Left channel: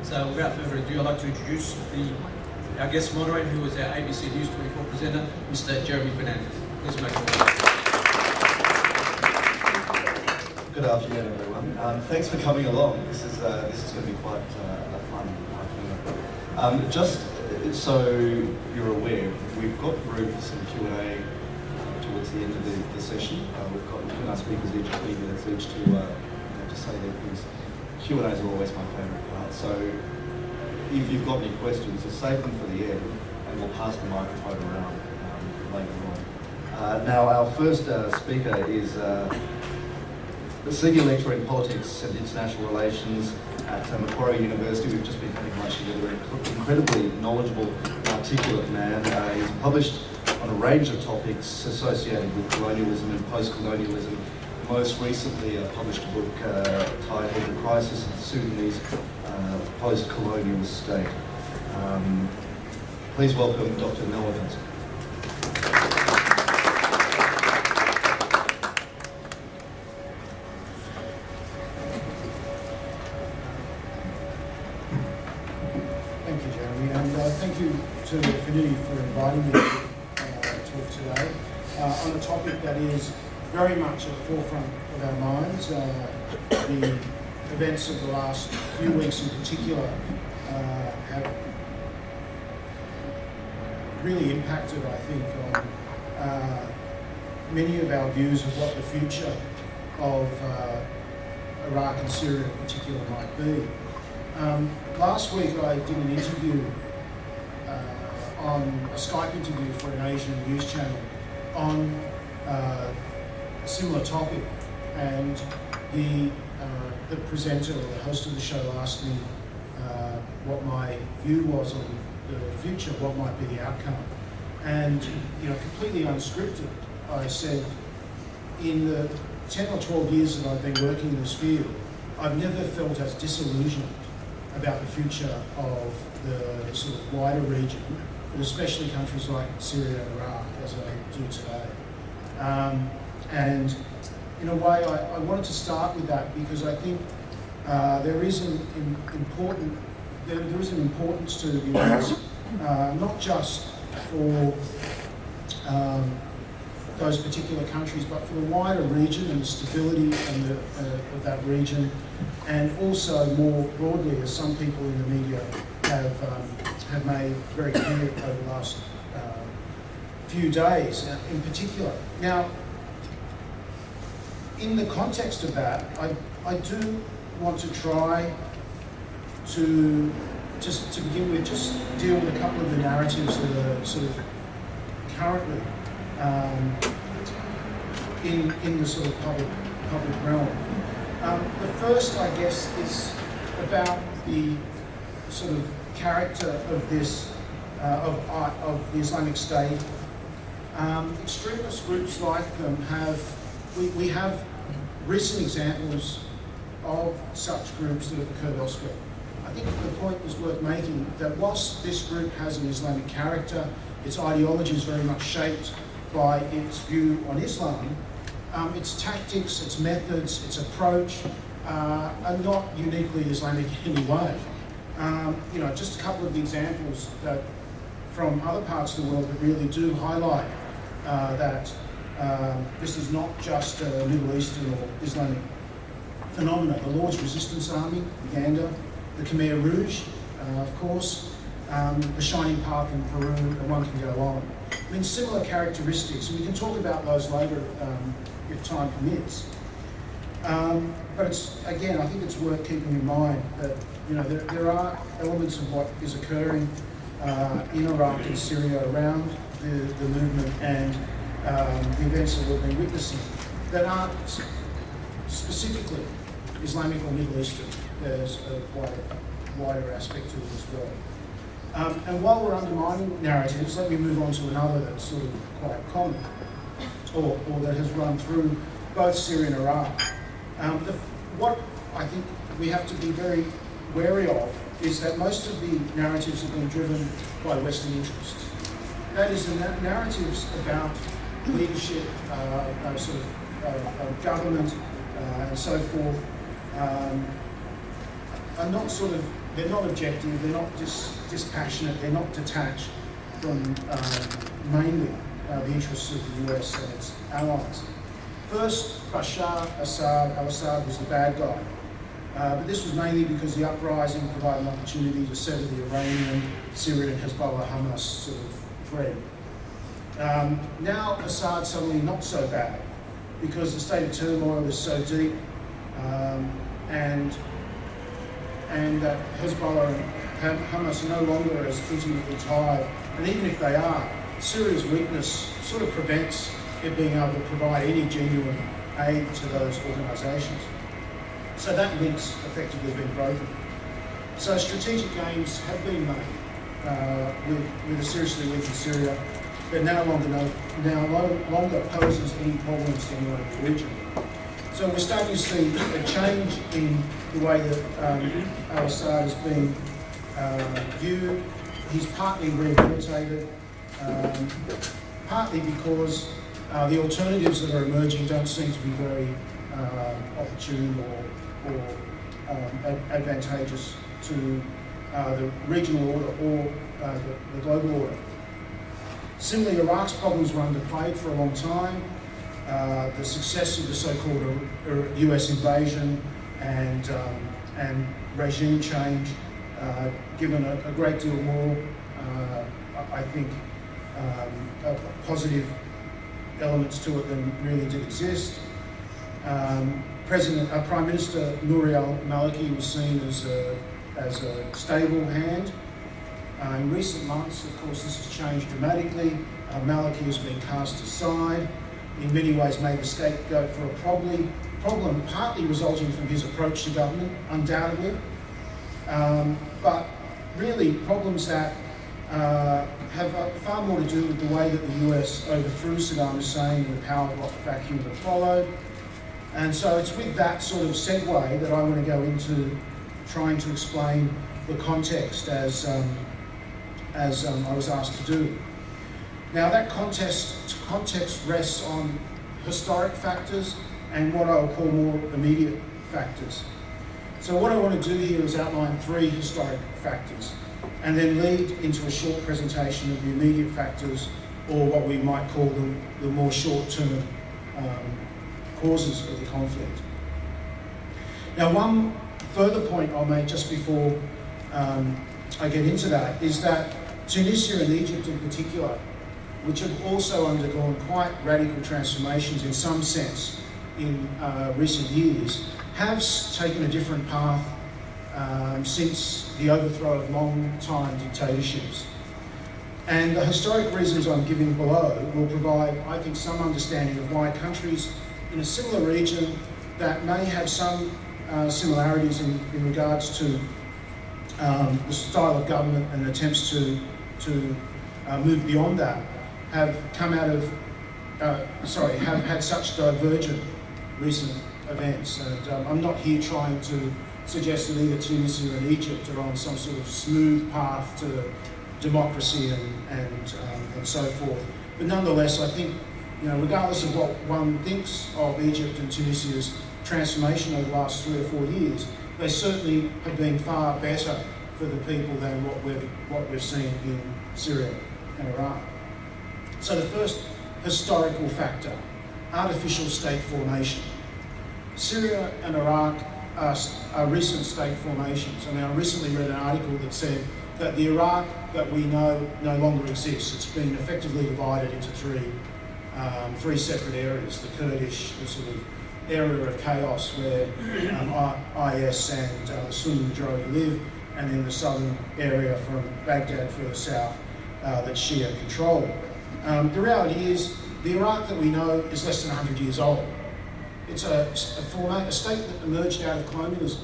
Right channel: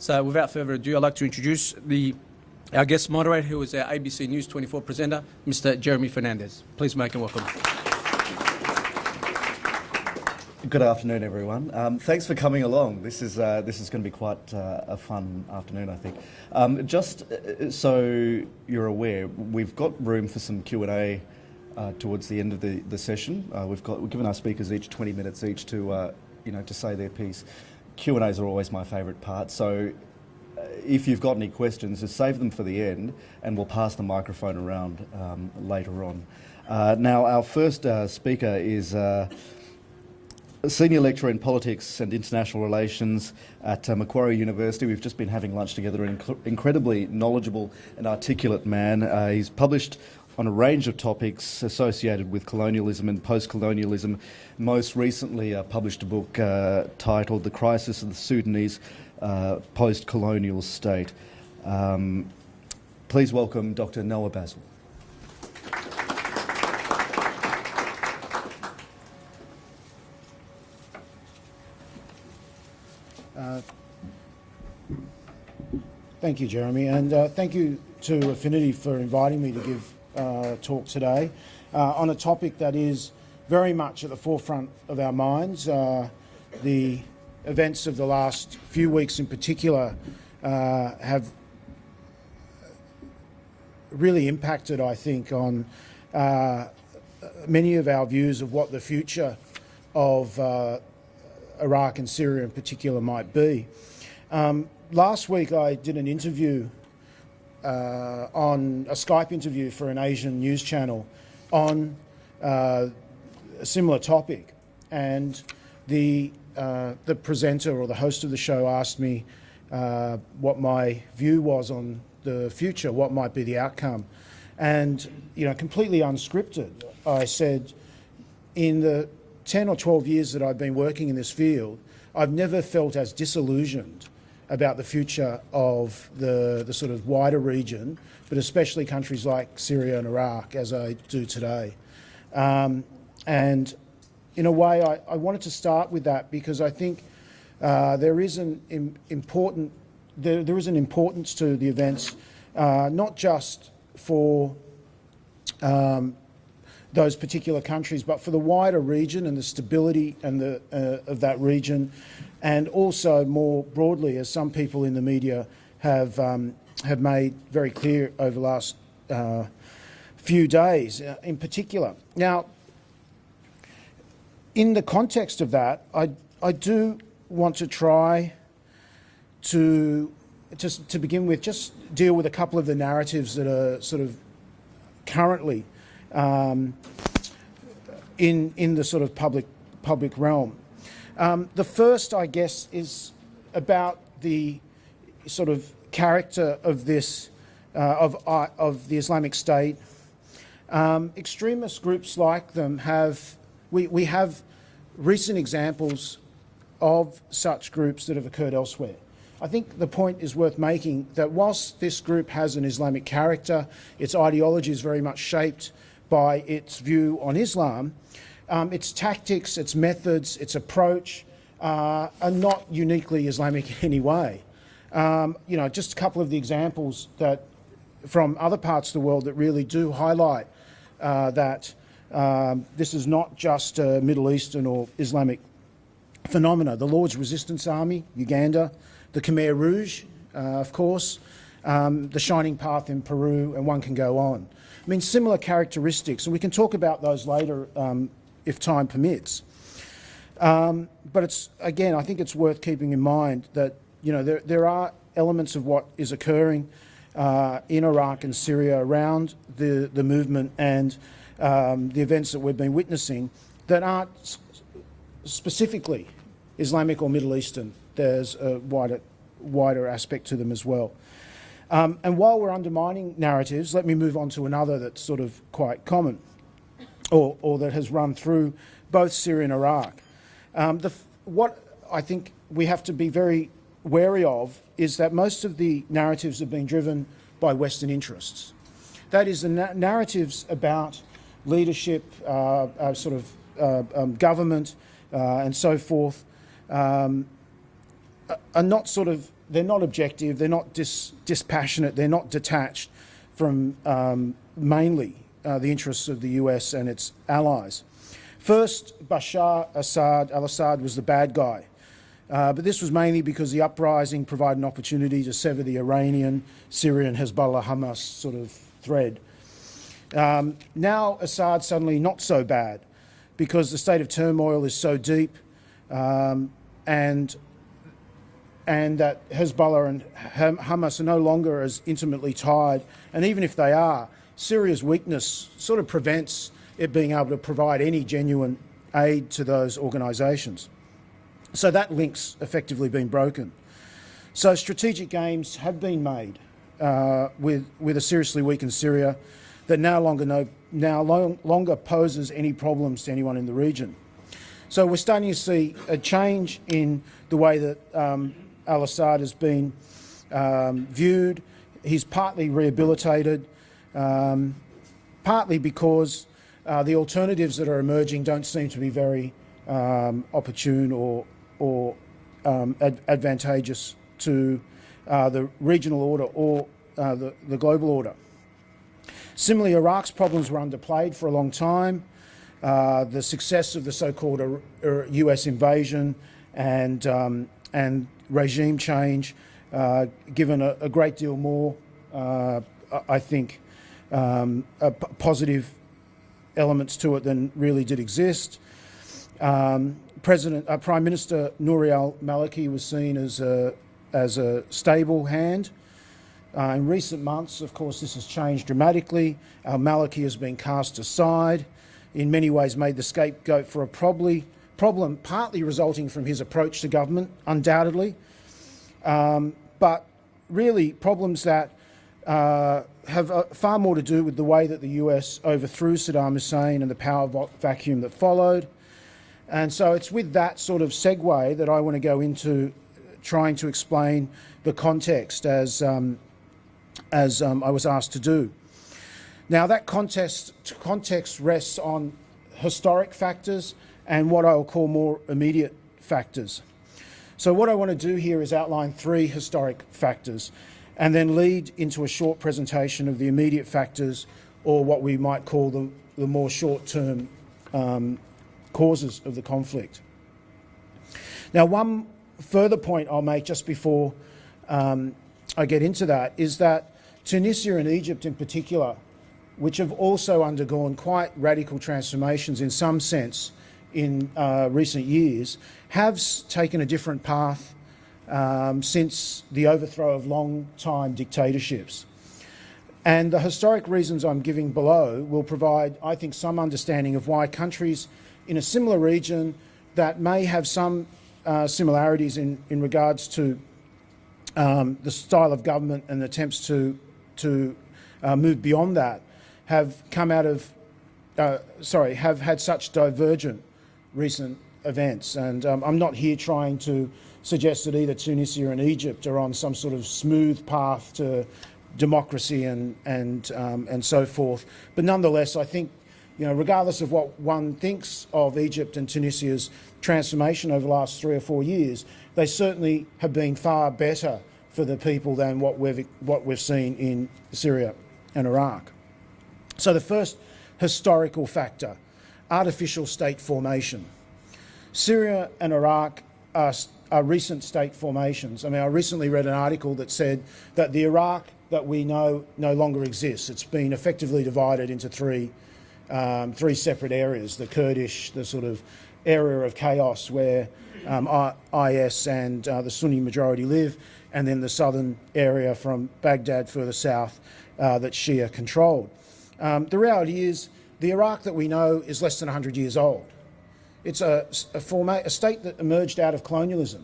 So without further ado, I'd like to introduce our guest moderator, who is our ABC News 24 presenter, Mr. Jeremy Fernandez. Please make him welcome. Good afternoon, everyone. Thanks for coming along. This is going to be quite a fun afternoon. Just so you're aware, we've got room for some Q&A towards the end of the session. We've given our speakers each 20 minutes each to say their piece. Q&As are always my favourite part. So if you've got any questions, just save them for the end, and we'll pass the microphone around later on. Now, our first speaker is a senior lecturer in politics and international relations at Macquarie University. We've just been having lunch together. An incredibly knowledgeable and articulate man. He's published on a range of topics associated with colonialism and post-colonialism. Most recently published a book titled The Crisis of the Sudanese Post-Colonial State. Please welcome Dr. Nelwa Benson. Thank you, Jeremy, and thank you to Affinity for inviting me to talk today on a topic that is very much at the forefront of our minds. The events of the last few weeks in particular have really impacted, I think, on many of our views of what the future of Iraq and Syria in particular might be. Last week I did an interview on a Skype interview for an Asian news channel on a similar topic, and the presenter or the host of the show asked me what my view was on the future, what might be the outcome, and completely unscripted, I said, in the 10 or 12 years that I've been working in this field, I've never felt as disillusioned about the future of the sort of wider region, but especially countries like Syria and Iraq, as I do today. And in a way, I wanted to start with that because I think there is an importance to the events, not just for those particular countries, but for the wider region and the stability and of that region, and also more broadly, as some people in the media have made very clear over the last few days, in particular. Now, in the context of that, I do want to try to begin with, just deal with a couple of the narratives that are sort of currently in the sort of public realm. The first, I guess, is about the sort of character of this of the Islamic State. Extremist groups like them we have recent examples of such groups that have occurred elsewhere. I think the point is worth making that whilst this group has an Islamic character, its ideology is very much shaped by its view on Islam, its tactics, its methods, its approach are not uniquely Islamic in any way. Just a couple of the examples that from other parts of the world that really do highlight that this is not just a Middle Eastern or Islamic phenomena. The Lord's Resistance Army, Uganda, the Khmer Rouge, of course, the Shining Path in Peru, and one can go on. I mean, similar characteristics, and we can talk about those later if time permits. But again, I think it's worth keeping in mind that there are elements of what is occurring in Iraq and Syria around the movement and the events that we've been witnessing that aren't specifically Islamic or Middle Eastern. There's a wider aspect to them as well. And while we're undermining narratives, let me move on to another that's sort of quite common, or that has run through both Syria and Iraq. What I think we have to be very wary of is that most of the narratives have been driven by Western interests. That is, the narratives about leadership, government, and so forth, are not sort of they're not objective, they're not dispassionate, they're not detached from mainly the interests of the US and its allies. First, Bashar al-Assad was the bad guy, but this was mainly because the uprising provided an opportunity to sever the Iranian, Syrian, Hezbollah, Hamas sort of thread. Now Assad suddenly not so bad because the state of turmoil is so deep, and that Hezbollah and Hamas are no longer as intimately tied, and even if they are, Syria's weakness sort of prevents it being able to provide any genuine aid to those organisations. So that link's effectively been broken. So strategic gains have been made with a seriously weakened Syria that no longer poses any problems to anyone in the region. So we're starting to see a change in the way that al-Assad has been viewed. He's partly rehabilitated, partly because the alternatives that are emerging don't seem to be very opportune or advantageous to the regional order or the global order. Similarly, Iraq's problems were underplayed for a long time. The success of the so-called US invasion and regime change given a great deal more, I think, positive elements to it than really did exist. Prime Minister Nouri al-Maliki was seen as a stable hand. In recent months, of course, this has changed dramatically. Maliki has been cast aside, in many ways made the scapegoat for a problem partly resulting from his approach to government, undoubtedly, but really problems that have far more to do with the way that the US overthrew Saddam Hussein and the power vacuum that followed. And so it's with that sort of segue that I want to go into trying to explain the context as I was asked to do. Now that context rests on historic factors and what I will call more immediate factors. So what I want to do here is outline 3 historic factors and then lead into a short presentation of the immediate factors, or what we might call the more short-term causes of the conflict. Now, one further point I'll make just before I get into that is that Tunisia and Egypt in particular, which have also undergone quite radical transformations in some sense in recent years, have taken a different path since the overthrow of long-time dictatorships. And the historic reasons I'm giving below will provide, I think, some understanding of why countries in a similar region that may have some similarities in regards to the style of government and attempts to move beyond that have come out of, have had such divergent recent events. And I'm not here trying to suggest that either Tunisia and Egypt are on some sort of smooth path to democracy and so forth. But nonetheless, I think, regardless of what one thinks of Egypt and Tunisia's transformation over the last 3 or 4 years, they certainly have been far better for the people than what we've seen in Syria and Iraq. So the first historical factor, artificial state formation. Syria and Iraq are recent state formations. I mean, I recently read an article that said that the Iraq that we know no longer exists. It's been effectively divided into three separate areas: the Kurdish, the sort of area of chaos where IS and the Sunni majority live, and then the southern area from Baghdad further south that Shia control. The reality is, the Iraq that we know is less than 100 years old. It's a state that emerged out of colonialism.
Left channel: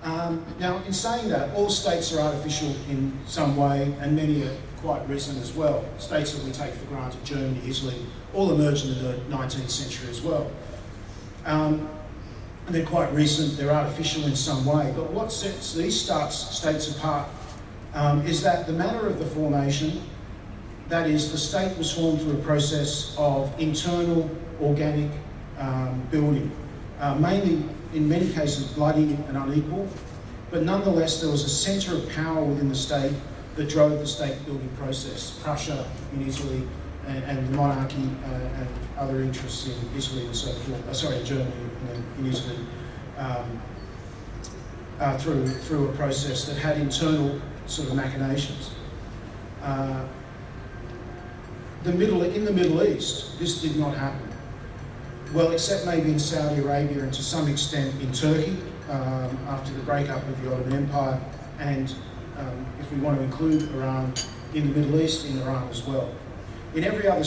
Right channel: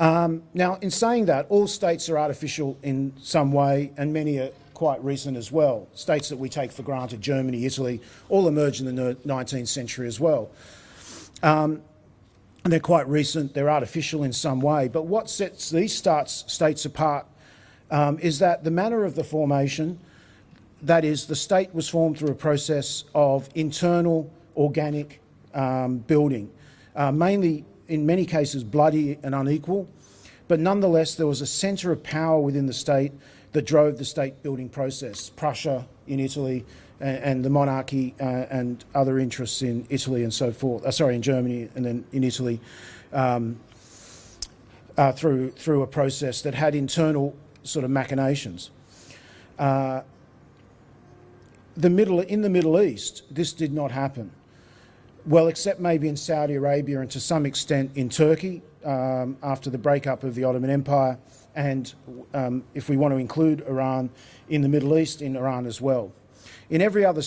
Now, in saying that, all states are artificial in some way, and many are quite recent as well. States that we take for granted, Germany, Italy, all emerged in the 19th century as well. And they're quite recent, they're artificial in some way. But what sets these states apart is that the manner of the formation, that is, the state was formed through a process of internal organic building, mainly in many cases bloody and unequal, but nonetheless there was a centre of power within the state that drove the state building process. Prussia in Italy and the monarchy and other interests in Italy and so forth, in Germany and then in Italy, through a process that had internal sort of machinations. In the Middle East, this did not happen. Well, except maybe in Saudi Arabia and to some extent in Turkey after the breakup of the Ottoman Empire, and if we want to include Iran in the Middle East, in Iran as well. In every other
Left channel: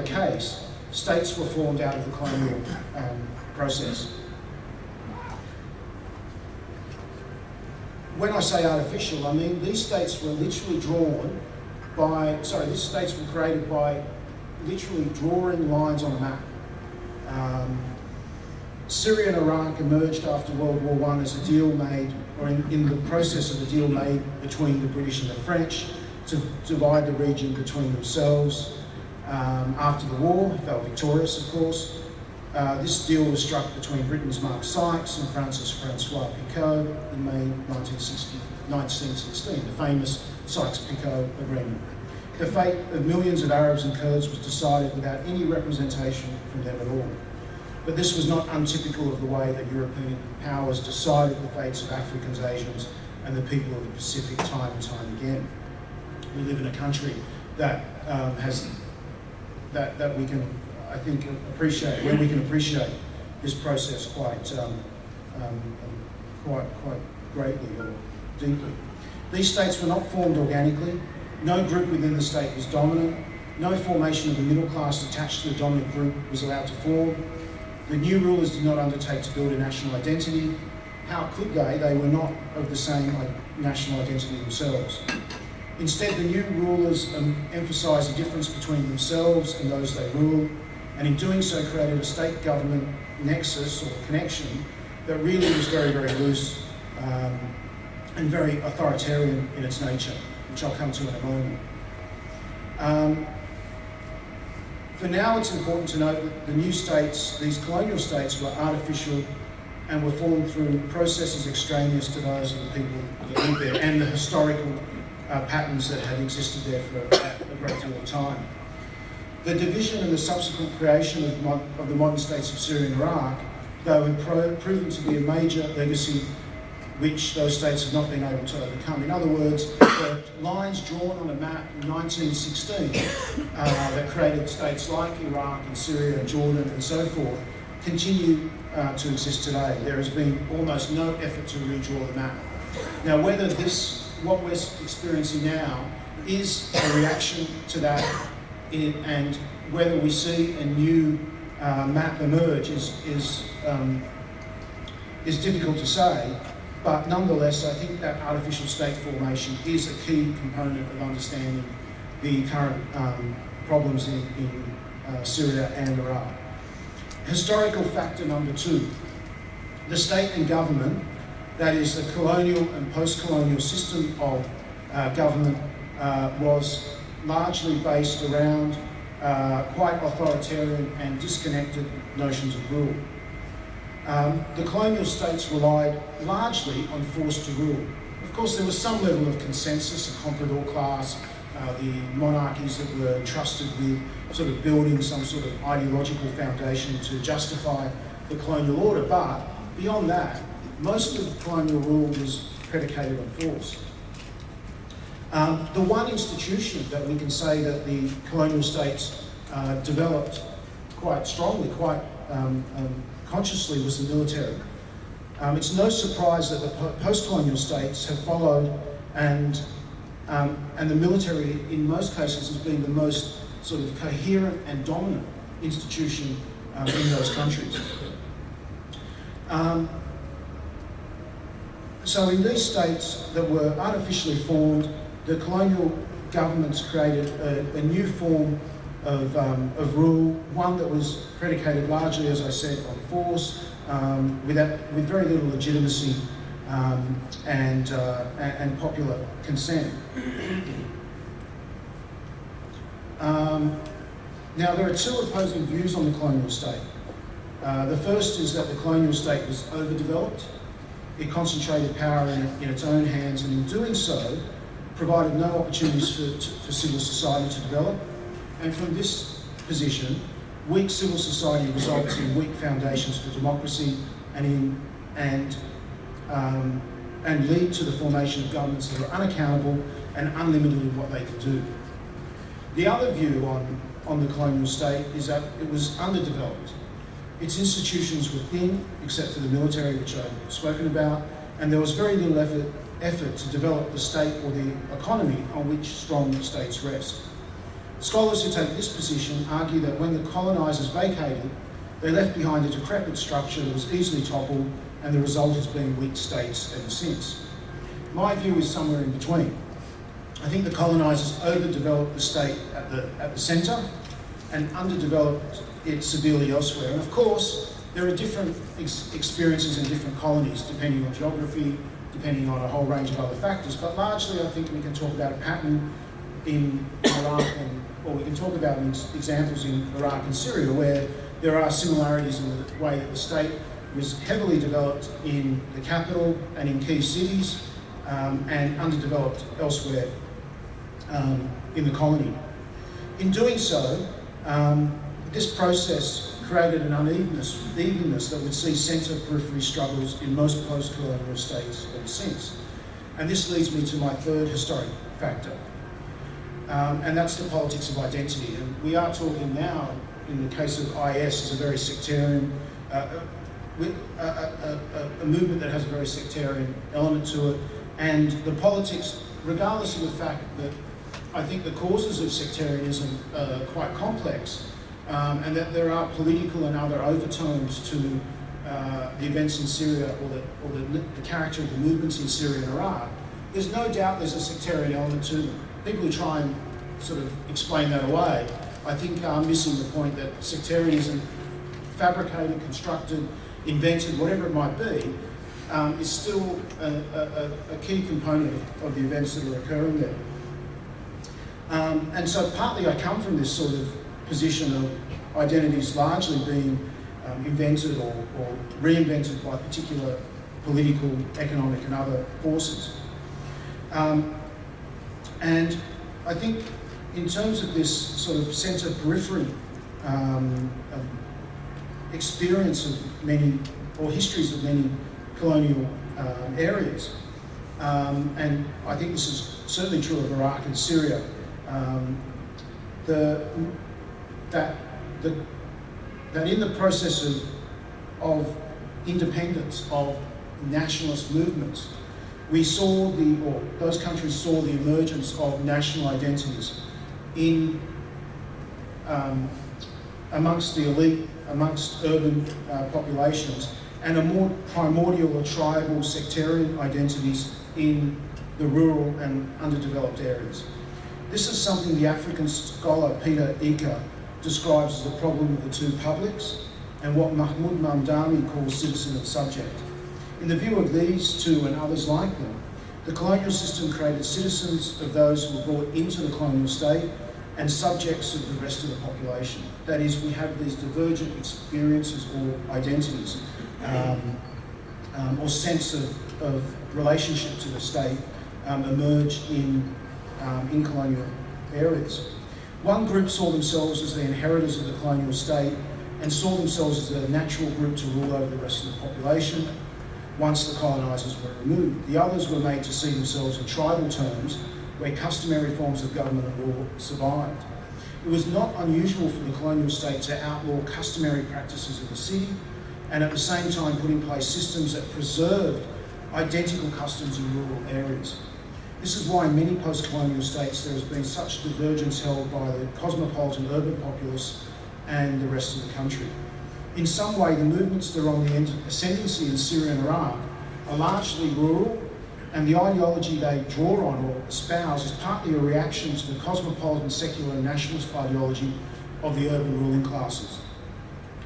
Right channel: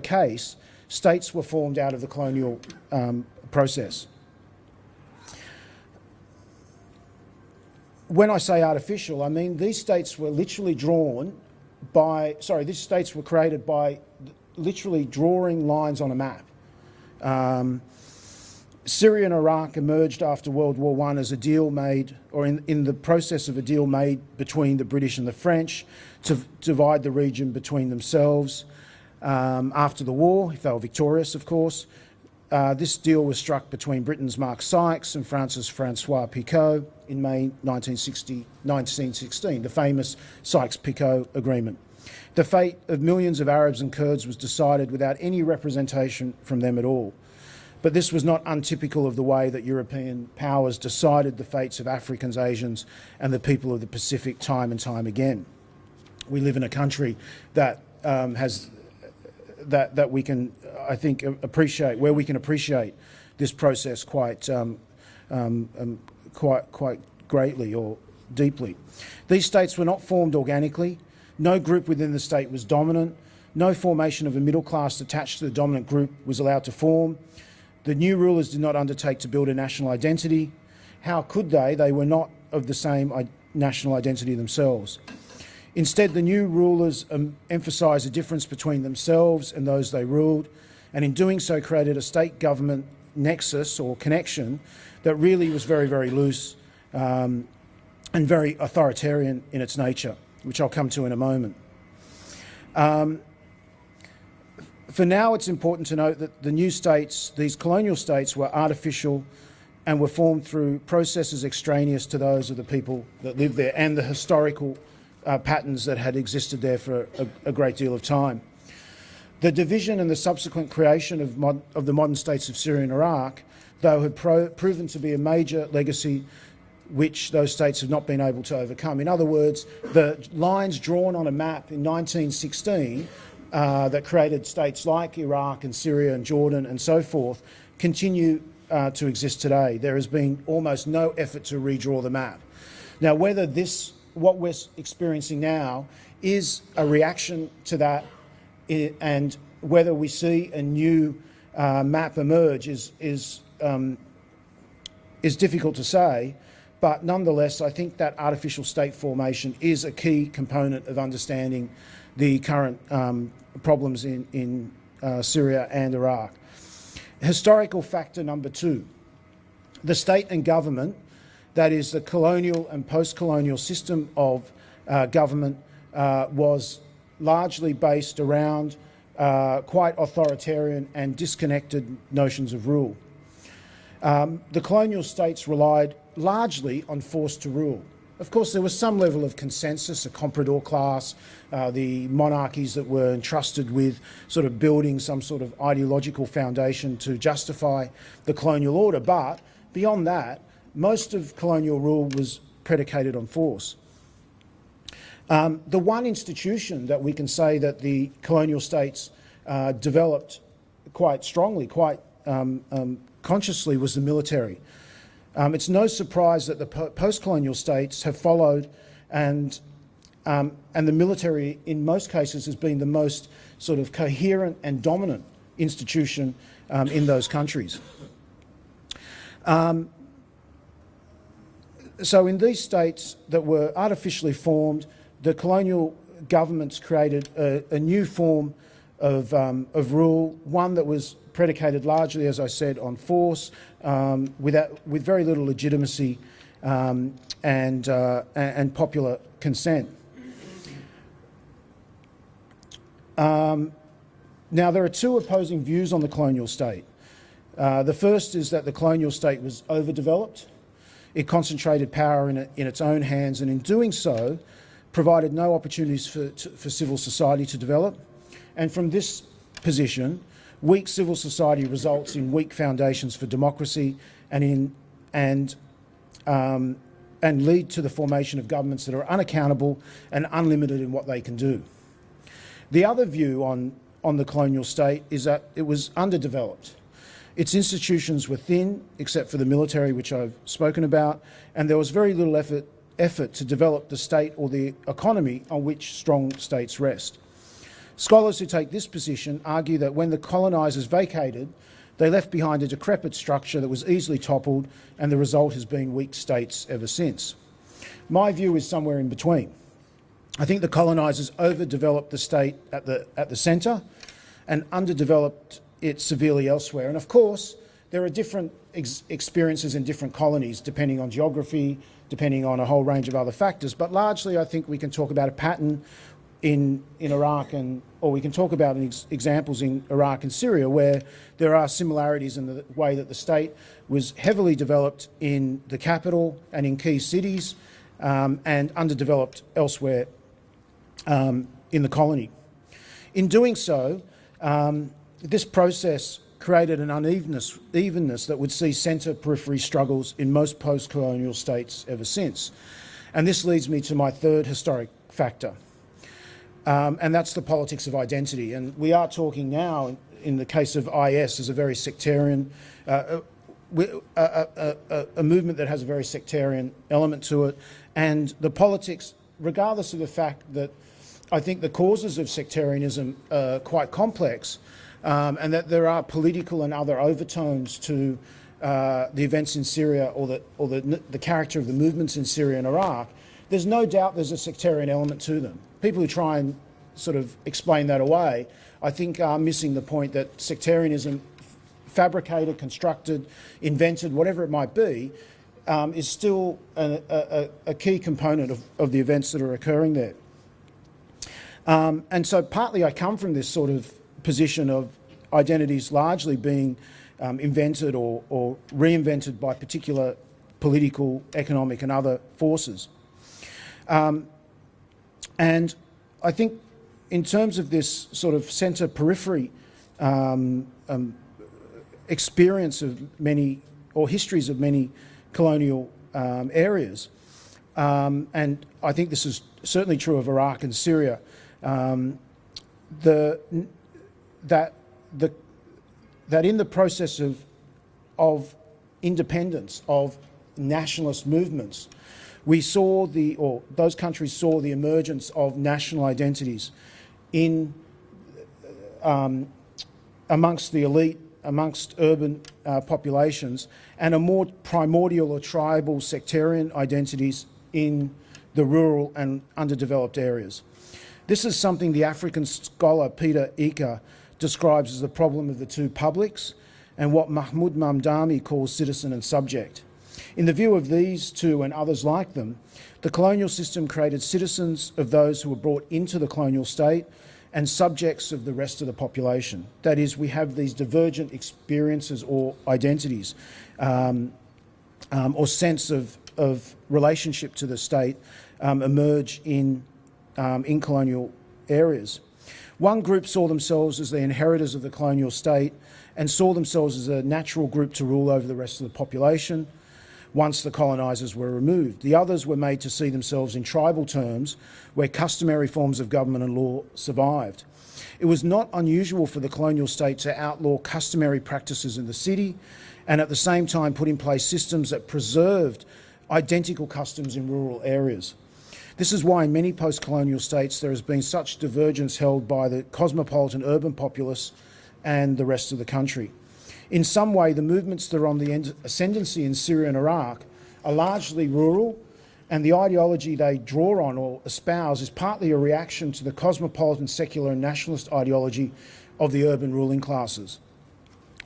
case, states were formed out of the colonial process. When I say artificial, I mean these states were literally these states were created by literally drawing lines on a map. Syria and Iraq emerged after World War I as a deal made, or in the process of a deal made between the British and the French to divide the region between themselves after the war, if they were victorious, of course. This deal was struck between Britain's Mark Sykes and France's Francois Picot in May 1916, the famous Sykes-Picot Agreement. The fate of millions of Arabs and Kurds was decided without any representation from them at all. But this was not untypical of the way that European powers decided the fates of Africans, Asians, and the people of the Pacific time and time again. We live in a country that that we can, I think, appreciate this process quite greatly or deeply. These states were not formed organically. No group within the state was dominant. No formation of the middle class attached to the dominant group was allowed to form. The new rulers did not undertake to build a national identity. How could they? They were not of the same national identity themselves. Instead, the new rulers emphasised a difference between themselves and those they ruled, and in doing so created a state government nexus or connection that really was very, very loose and very authoritarian in its nature, which I'll come to in a moment. For now, it's important to note that the new states, these colonial states, were artificial and were formed through processes extraneous to those of the people that lived there and the historical patterns that had existed there for a great deal of time. The division and the subsequent creation of the modern states of Syria and Iraq, though, had proven to be a major legacy which those states have not been able to overcome. In other words, the lines drawn on a map in 1916 that created states like Iraq and Syria and Jordan and so forth continue to exist today. There has been almost no effort to redraw the map. Now, whether what we're experiencing now is a reaction to that and whether we see a new map emerge is difficult to say. But nonetheless, I think that artificial state formation is a key component of understanding the current problems in Syria and Iraq. Historical factor number 2, the state and government, that is the colonial and post-colonial system of government, was largely based around quite authoritarian and disconnected notions of rule. The colonial states relied largely on force to rule. Of course, there was some level of consensus, a comprador class, the monarchies that were entrusted with sort of building some sort of ideological foundation to justify the colonial order, but beyond that, most of colonial rule was predicated on force. The one institution that we can say that the colonial states developed quite strongly, quite consciously, was the military. It's no surprise that the post-colonial states have followed, and the military, in most cases, has been the most sort of coherent and dominant institution in those countries. So in these states that were artificially formed, the colonial governments created a new form of rule, one that was predicated largely, as I said, on force, with very little legitimacy and popular consent. Now, there are two opposing views on the colonial state. The first is that the colonial state was overdeveloped. it concentrated power in its own hands, and in doing so, provided no opportunities for civil society to develop. And from this position, weak civil society results in weak foundations for democracy and lead to the formation of governments that are unaccountable and unlimited in what they can do. The other view on the colonial state is that it was underdeveloped. Its institutions were thin, except for the military, which I've spoken about, and there was very little effort to develop the state or the economy on which strong states rest. Scholars who take this position argue that when the colonisers vacated, they left behind a decrepit structure that was easily toppled, and the result has been weak states ever since. My view is somewhere in between. I think the colonisers overdeveloped the state at the centre and underdeveloped it severely elsewhere. And of course, there are different experiences in different colonies, depending on geography, depending on a whole range of other factors. But largely, I think we can talk about a pattern in Iraq, or we can talk about examples in Iraq and Syria where there are similarities in the way that the state was heavily developed in the capital and in key cities, and underdeveloped elsewhere in the colony. In doing so, this process created an evenness that would see centre-periphery struggles in most post-colonial states ever since. And this leads me to my third historic factor, and that's the politics of identity. And we are talking now, in the case of IS, as a very sectarian, a movement that has a very sectarian element to it, and the politics, regardless of the fact that I think the causes of sectarianism are quite complex, and that there are political and other overtones to the events in Syria or the character of the movements in Syria and Iraq. There's no doubt there's a sectarian element to them. People who try and sort of explain that away, I think are missing the point that sectarianism, fabricated, constructed, invented, whatever it might be, is still a key component of the events that are occurring there. And so partly I come from this sort of position of identities largely being invented or reinvented by particular political, economic and other forces. And I think in terms of this sort of centre-periphery experience of many, or histories of many colonial areas, and I think this is certainly true of Iraq and Syria, that in the process of independence, of nationalist movements, we saw those countries saw the emergence of national identities in amongst the elite, amongst urban populations, and a more primordial or tribal sectarian identities in the rural and underdeveloped areas. This is something the African scholar Peter Ika describes as the problem of the two publics, and what Mahmoud Mamdani calls citizen and subject. In the view of these two and others like them, the colonial system created citizens of those who were brought into the colonial state and subjects of the rest of the population. That is, we have these divergent experiences or identities, or sense of relationship to the state emerge in colonial areas. One group saw themselves as the inheritors of the colonial state and saw themselves as a natural group to rule over the rest of the population once the colonisers were removed. The others were made to see themselves in tribal terms where customary forms of government and law survived. It was not unusual for the colonial state to outlaw customary practices in the city and at the same time put in place systems that preserved identical customs in rural areas. This is why in many post-colonial states there has been such divergence held by the cosmopolitan urban populace and the rest of the country. In some way, the movements that are on the ascendancy in Syria and Iraq are largely rural, and the ideology they draw on or espouse is partly a reaction to the cosmopolitan, secular and nationalist ideology of the urban ruling classes,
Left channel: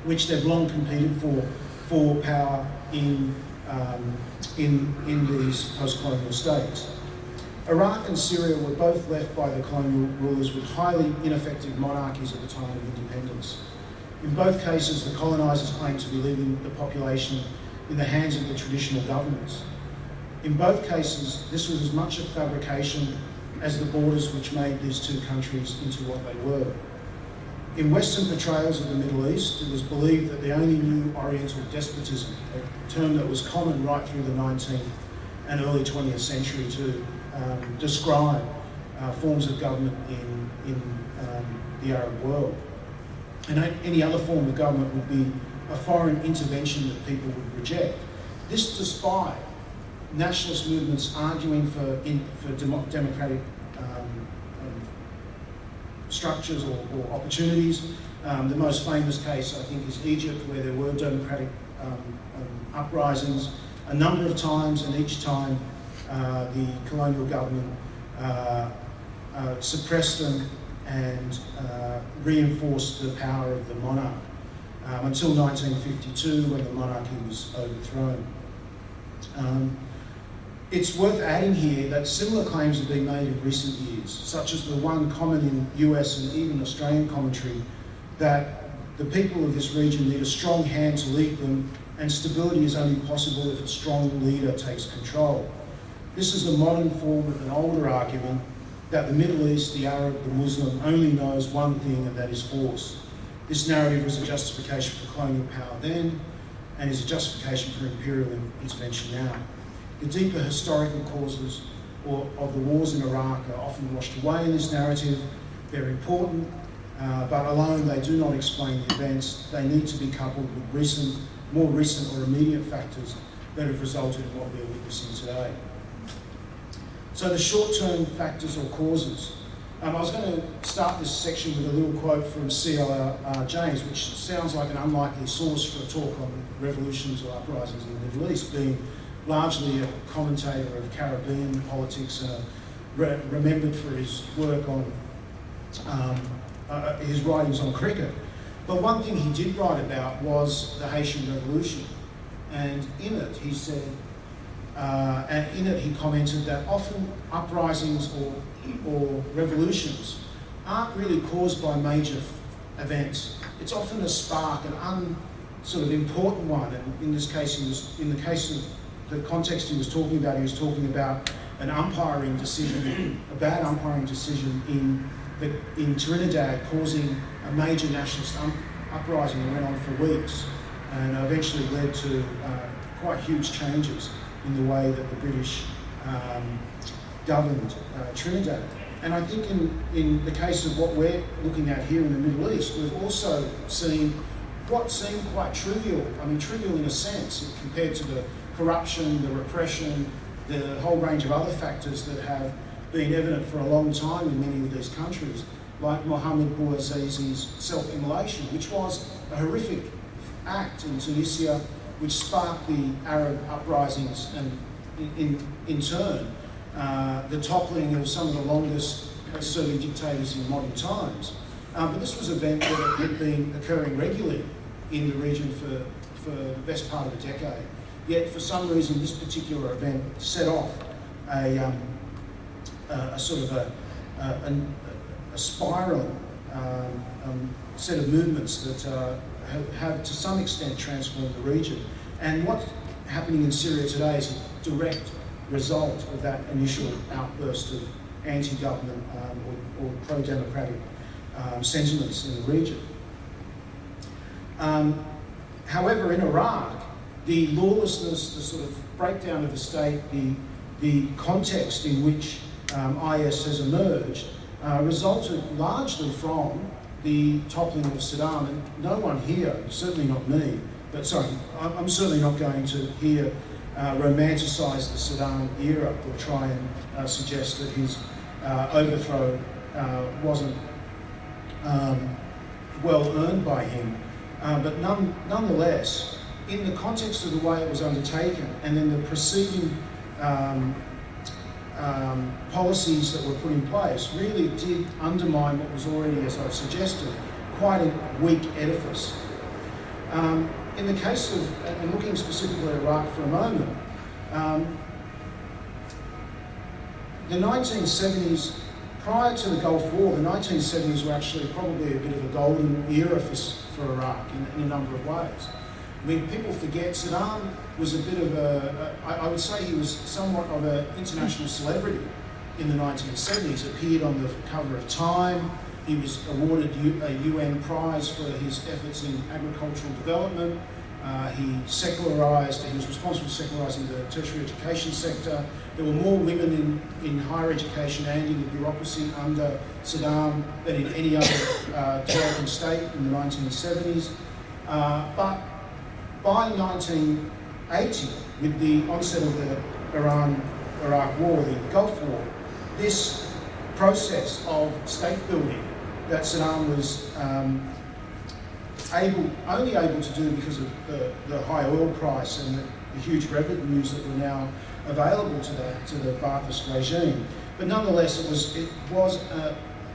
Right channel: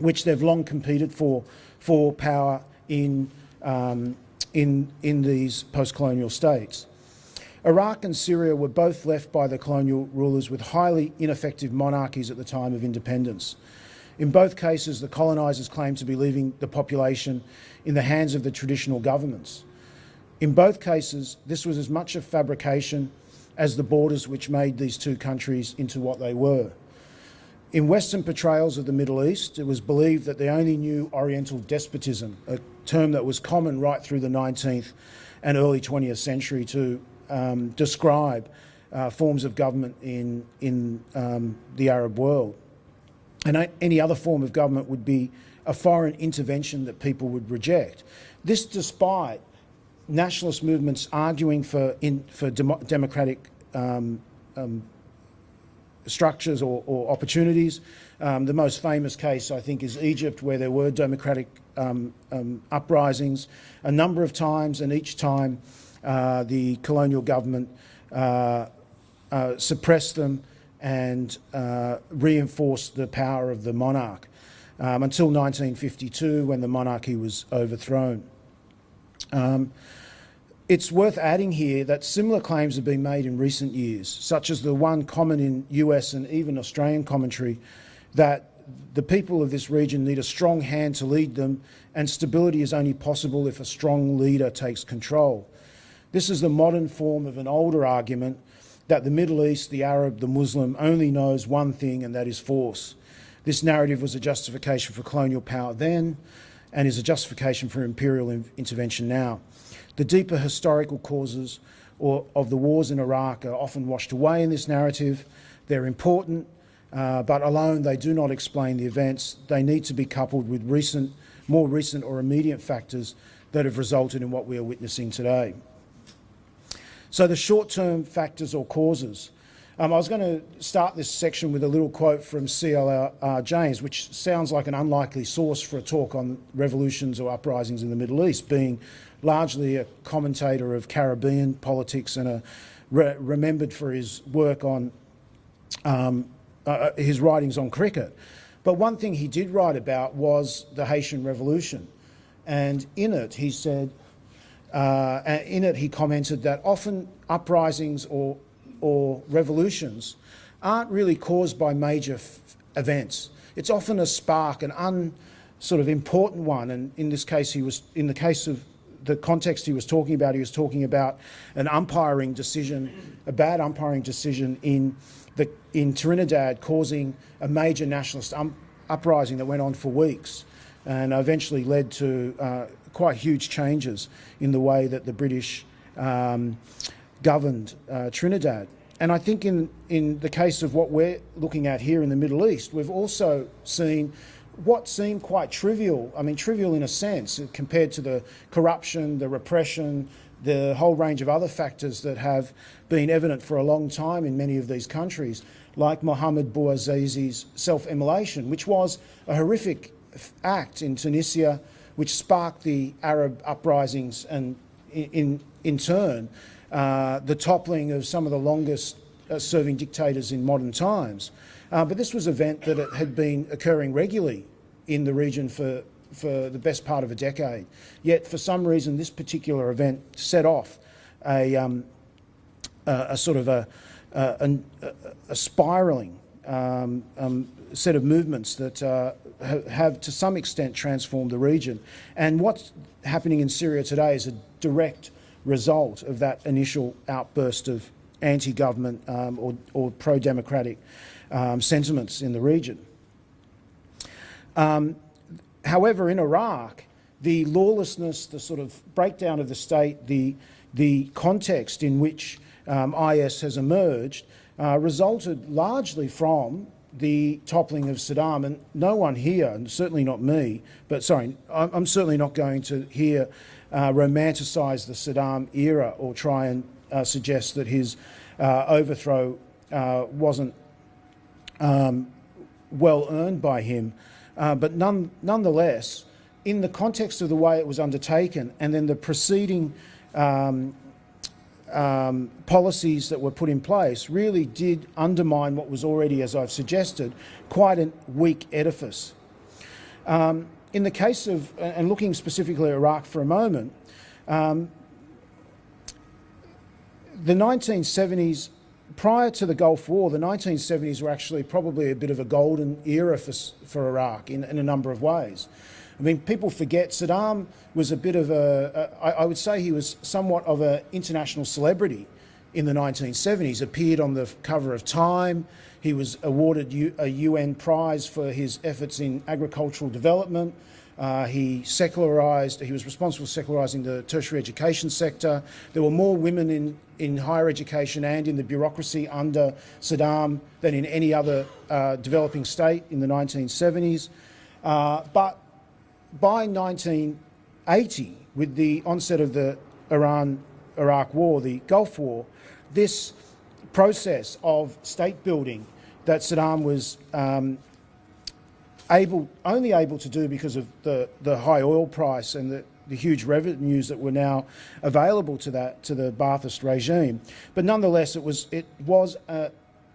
which they've long competed for power in these post-colonial states. Iraq and Syria were both left by the colonial rulers with highly ineffective monarchies at the time of independence. In both cases, the colonisers claimed to be leaving the population in the hands of the traditional governments. In both cases, this was as much a fabrication as the borders which made these two countries into what they were. In Western portrayals of the Middle East, it was believed that they only knew Oriental despotism, a term that was common right through the 19th and early 20th century to describe forms of government in the Arab world. And any other form of government would be a foreign intervention that people would reject. This despite nationalist movements arguing for democratic structures or opportunities. The most famous case, I think, is Egypt, where there were democratic uprisings a number of times, and each time the colonial government suppressed them and reinforced the power of the monarch until 1952, when the monarchy was overthrown. It's worth adding here that similar claims have been made in recent years, such as the one common in US and even Australian commentary, that the people of this region need a strong hand to lead them, and stability is only possible if a strong leader takes control. This is a modern form of an older argument that the Middle East, the Arab, the Muslim only knows one thing, and that is force. This narrative was a justification for colonial power then, and is a justification for imperial intervention now. The deeper historical causes of the wars in Iraq are often washed away in this narrative. They're important, but alone they do not explain the events. They need to be coupled with more recent or immediate factors that have resulted in what we are witnessing today. So the short-term factors or causes. I was going to start this section with a little quote from C.L.R. James, which sounds like an unlikely source for a talk on revolutions or uprisings in the Middle East, being largely a commentator of Caribbean politics and remembered for his work on his writings on cricket. But one thing he did write about was the Haitian Revolution, and in it he said, he commented that often uprisings or revolutions aren't really caused by major events. It's often a spark, an sort of important one, and in this case in the case of the context he was talking about an umpiring decision, a bad umpiring decision in Trinidad, causing a major nationalist uprising that went on for weeks and eventually led to quite huge changes in the way that the British governed Trinidad. And I think in the case of what we're looking at here in the Middle East, we've also seen what seemed quite trivial, trivial in a sense, compared to the corruption, the repression, the whole range of other factors that have been evident for a long time in many of these countries, like Mohammed Bouazizi's self-immolation, which was a horrific act in Tunisia, which sparked the Arab uprisings and in turn the toppling of some of the longest serving dictators in modern times. But this was an event that had been occurring regularly in the region for the best part of a decade. Yet for some reason this particular event set off a sort of a spiralling set of movements that have to some extent transformed the region. And what's happening in Syria today is a direct result of that initial outburst of anti-government or pro-democratic sentiments in the region. However, in Iraq, the lawlessness, the sort of breakdown of the state, the context in which IS has emerged resulted largely from the toppling of Saddam. And no one here, and certainly not me, but sorry, I'm certainly not going to here romanticise the Saddam era or try and suggest that his overthrow wasn't well earned by him. But nonetheless, in the context of the way it was undertaken and then the preceding policies that were put in place really did undermine what was already, as I've suggested, quite a weak edifice. In the case of, and looking specifically at Iraq for a moment, the 1970s, prior to the Gulf War, the 1970s were actually probably a bit of a golden era for Iraq in a number of ways. I mean, people forget Saddam was a bit of I would say he was somewhat of an international celebrity in the 1970s, appeared on the cover of Time. He was awarded a UN prize for his efforts in agricultural development. He was responsible for secularising the tertiary education sector. There were more women in higher education and in the bureaucracy under Saddam than in any other developing state in the 1970s. But by 1980, with the onset of the Iran-Iraq War, the Gulf War, this process of state building that Saddam was only able to do because of the high oil price and the huge revenues that were now available to the Ba'athist regime. But nonetheless, it was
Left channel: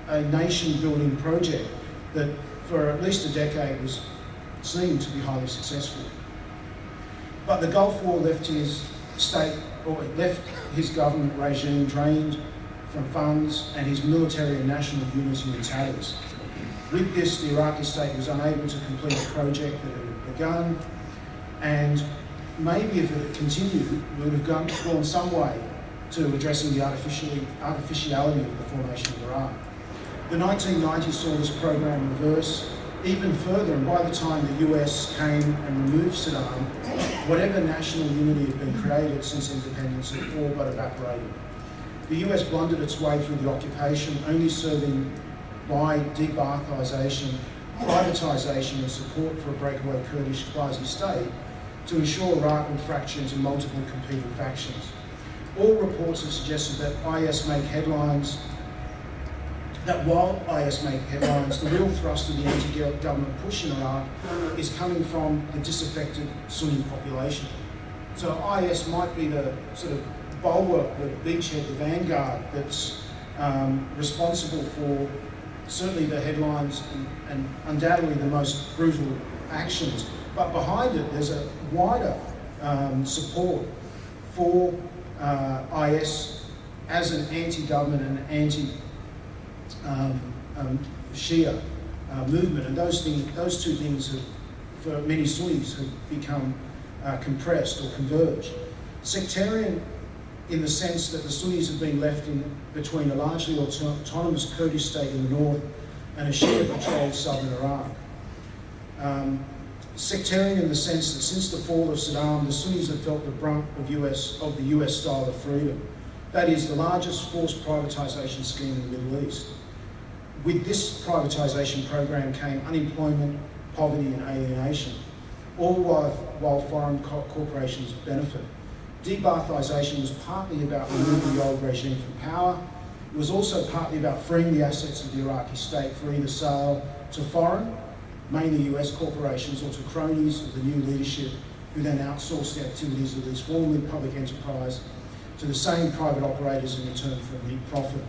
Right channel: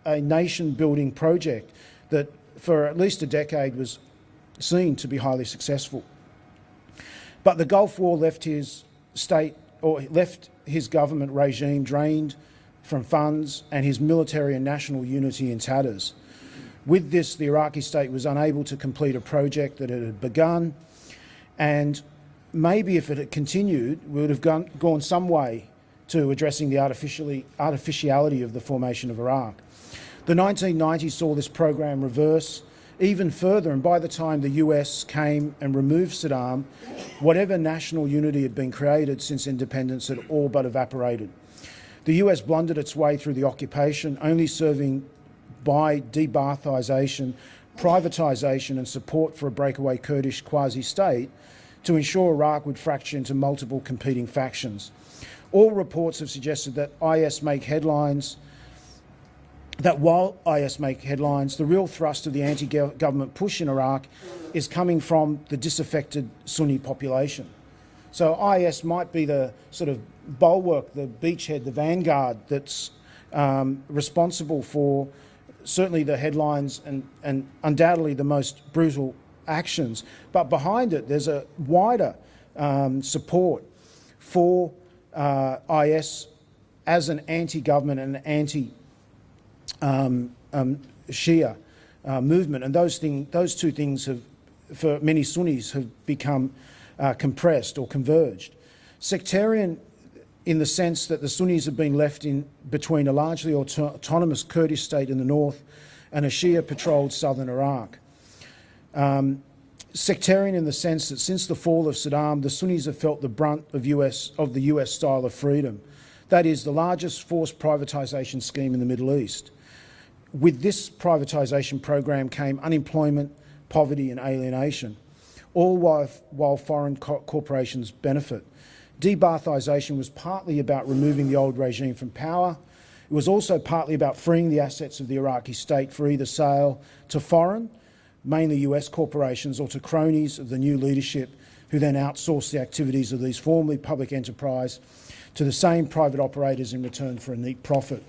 a nation-building project that for at least a decade was seen to be highly successful. But the Gulf War left his government regime drained from funds and his military and national unity in tatters. With this, the Iraqi state was unable to complete a project that it had begun, and maybe if it had continued, we would have gone some way to addressing the artificiality of the formation of Iraq. The 1990s saw this program reverse even further, and by the time the US came and removed Saddam, whatever national unity had been created since independence had all but evaporated. The US blundered its way through the occupation, only serving by de-Ba'athization, privatisation and support for a breakaway Kurdish quasi-state to ensure Iraq would fracture into multiple competing factions. All reports have suggested that while IS make headlines, the real thrust of the anti-government push in Iraq is coming from the disaffected Sunni population. So IS might be the sort of bulwark, the beachhead, the vanguard that's responsible for certainly the headlines and undoubtedly the most brutal actions. But behind it, there's a wider support for IS as an anti-government and anti-Shia movement. And those two things have, for many Sunnis, have become compressed or converged. Sectarian in the sense that the Sunnis have been left in between a largely autonomous Kurdish state in the north and a Shia-patrolled southern Iraq. Sectarian in the sense that since the fall of Saddam, the Sunnis have felt the brunt of the US style of freedom. That is the largest forced privatisation scheme in the Middle East. With this privatisation program came unemployment, poverty and alienation, all while foreign corporations benefit. De-Ba'athization was partly about removing the old regime from power. It was also partly about freeing the assets of the Iraqi state for either sale to foreign, mainly US corporations, or to cronies of the new leadership who then outsourced the activities of these formerly public enterprise to the same private operators in return for a neat profit.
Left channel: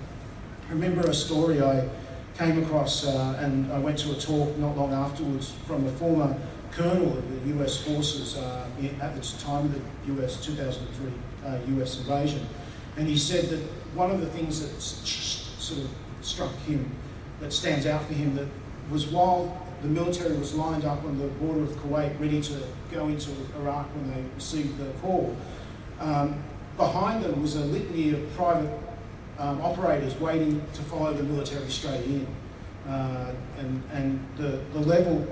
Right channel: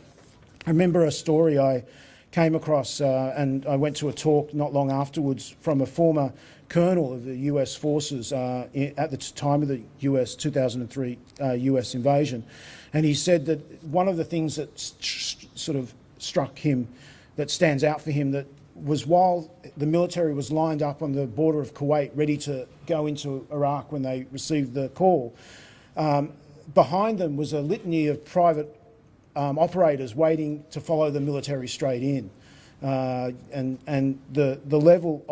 I remember a story I came across and I went to a talk not long afterwards from a former colonel of the US forces at the time of the US 2003 US invasion, and he said that one of the things that sort of struck him, that stands out for him, that was while the military was lined up on the border of Kuwait ready to go into Iraq when they received the call, behind them was a litany of private operators waiting to follow the military straight in, and the level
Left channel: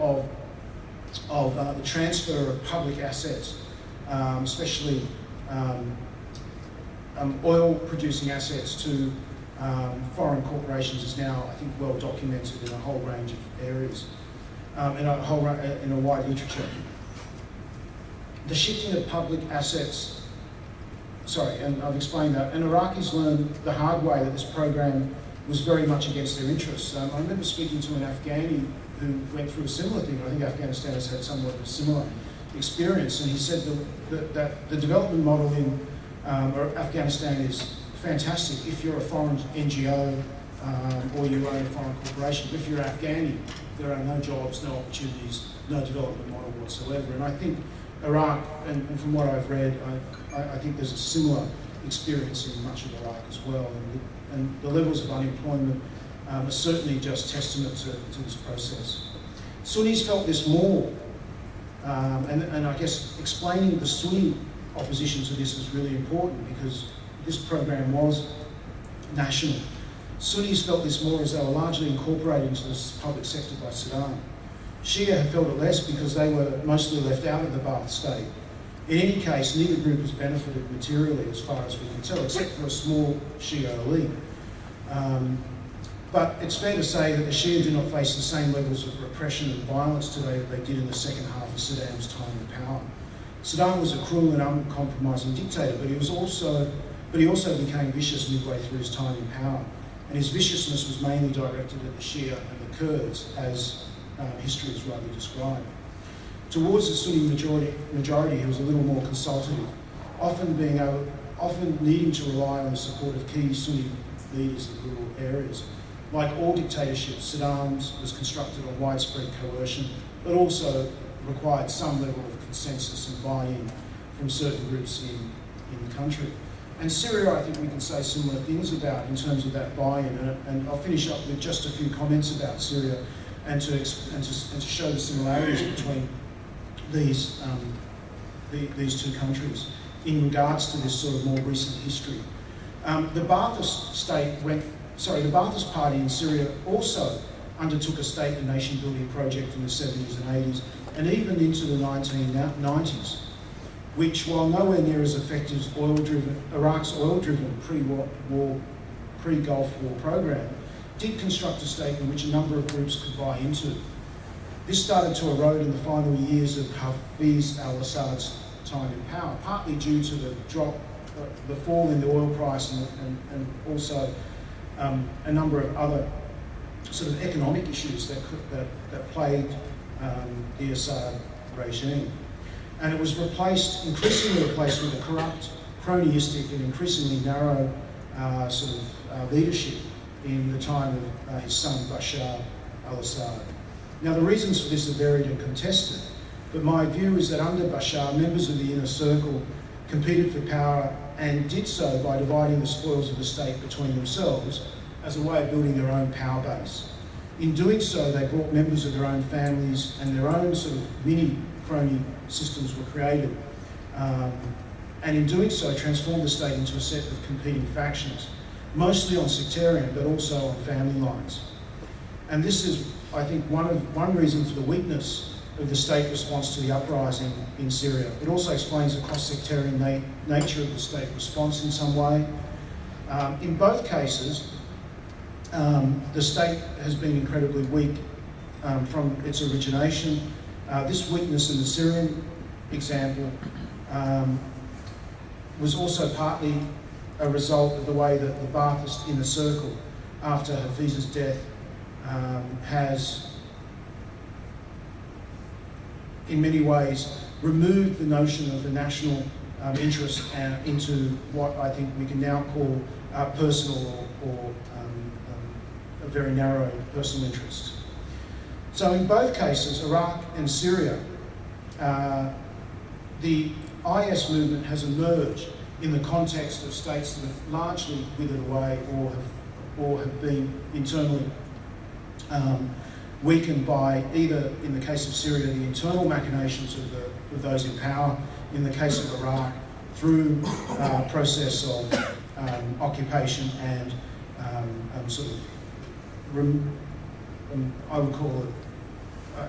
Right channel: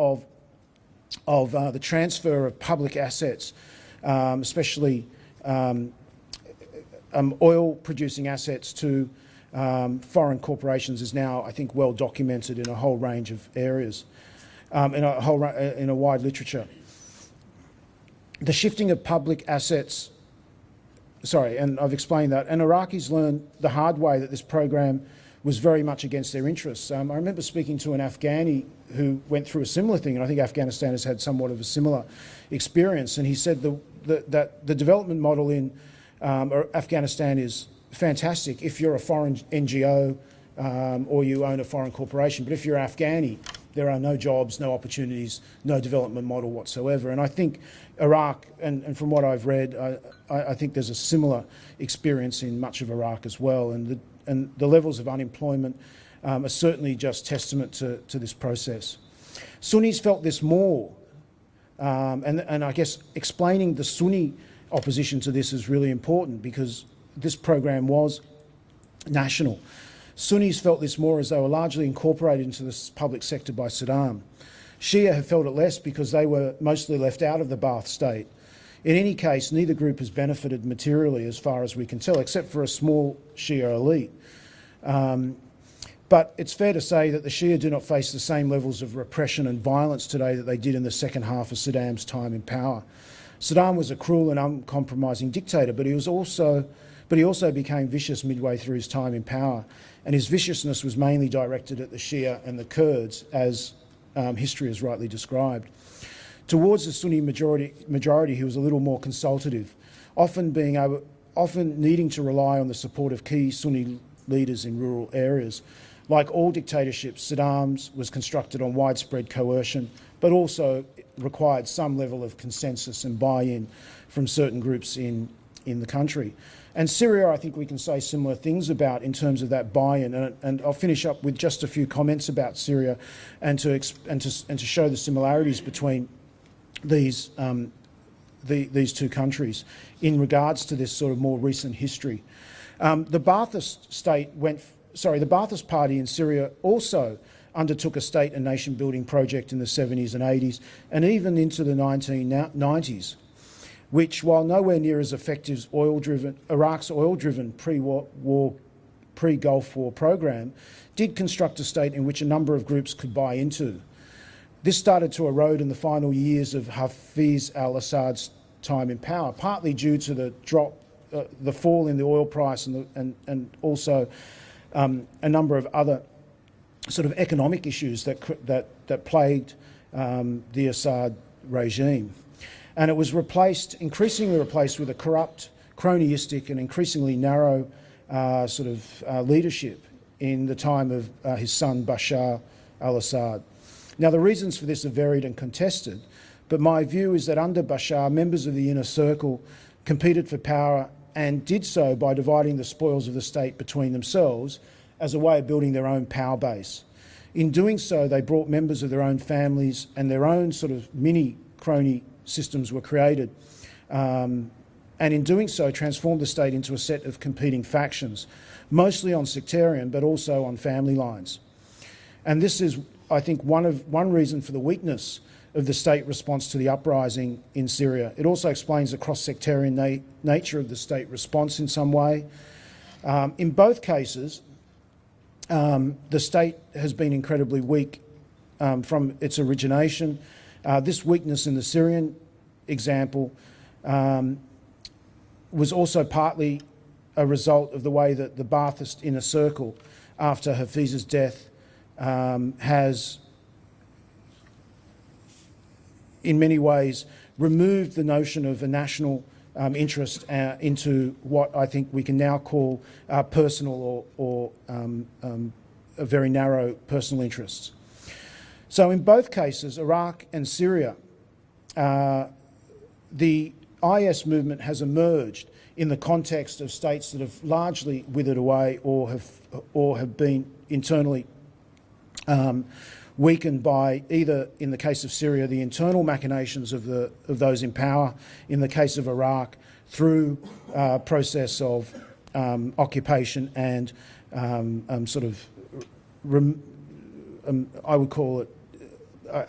of the transfer of public assets, especially oil-producing assets to foreign corporations, is now, I think, well documented in a whole range of areas, in a wide literature. The shifting of public assets, and I've explained that, and Iraqis learned the hard way that this program was very much against their interests. I remember speaking to an Afghani who went through a similar thing, and I think Afghanistan has had somewhat of a similar experience, and he said that the development model in Afghanistan is fantastic if you're a foreign NGO or you own a foreign corporation. But if you're Afghani, there are no jobs, no opportunities, no development model whatsoever. And I think Iraq, and from what I've read, I think there's a similar experience in much of Iraq as well, and the levels of unemployment are certainly just testament to this process. Sunnis felt this more And I guess explaining the Sunni opposition to this is really important because this program was national. Sunnis felt this more as they were largely incorporated into the public sector by Saddam. Shia have felt it less because they were mostly left out of the Ba'ath state. In any case, neither group has benefited materially as far as we can tell, except for a small Shia elite. But it's fair to say that the Shia do not face the same levels of repression and violence today that they did in the second half of Saddam's time in power. Saddam was a cruel and uncompromising dictator, but he also became vicious midway through his time in power. And his viciousness was mainly directed at the Shia and the Kurds, as history has rightly described. Towards the Sunni majority, he was a little more consultative, often needing to rely on the support of key Sunni leaders in rural areas. Like all dictatorships, Saddam's was constructed on widespread coercion, but also required some level of consensus and buy-in from certain groups in the country. And Syria, I think we can say similar things about in terms of that buy-in. And I'll finish up with just a few comments about Syria and to show the similarities between these two countries in regards to this sort of more recent history. The Ba'athist Party in Syria also undertook a state and nation building project in the 70s and 80s and even into the 1990s, which, while nowhere near as effective as Iraq's oil-driven pre-Gulf War program, did construct a state in which a number of groups could buy into. This started to erode in the final years of Hafiz al-Assad's time in power, partly due to the fall in the oil price and also a number of other sort of economic issues that plagued the Assad regime. And it was increasingly replaced with a corrupt, cronyistic and increasingly narrow leadership in the time of his son Bashar al-Assad. Now, the reasons for this are varied and contested, but my view is that under Bashar, members of the inner circle competed for power and did so by dividing the spoils of the state between themselves as a way of building their own power base. In doing so, they brought members of their own families and their own sort of mini crony systems were created. And in doing so, transformed the state into a set of competing factions, mostly on sectarian, but also on family lines. And this is, I think, one reason for the weakness of the state response to the uprising in Syria. It also explains the cross-sectarian nature of the state response in some way. In both cases, the state has been incredibly weak from its origination. This weakness in the Syrian example was also partly a result of the way that the Ba'athist inner circle, after Hafiz's death, has in many ways removed the notion of the national interest into what I think we can now call personal or a very narrow personal interest. So in both cases, Iraq and Syria, the IS movement has emerged in the context of states that have largely withered away or have been internally weakened by either, in the case of Syria, the internal machinations of those in power, in the case of Iraq, through a process of occupation and I would call it,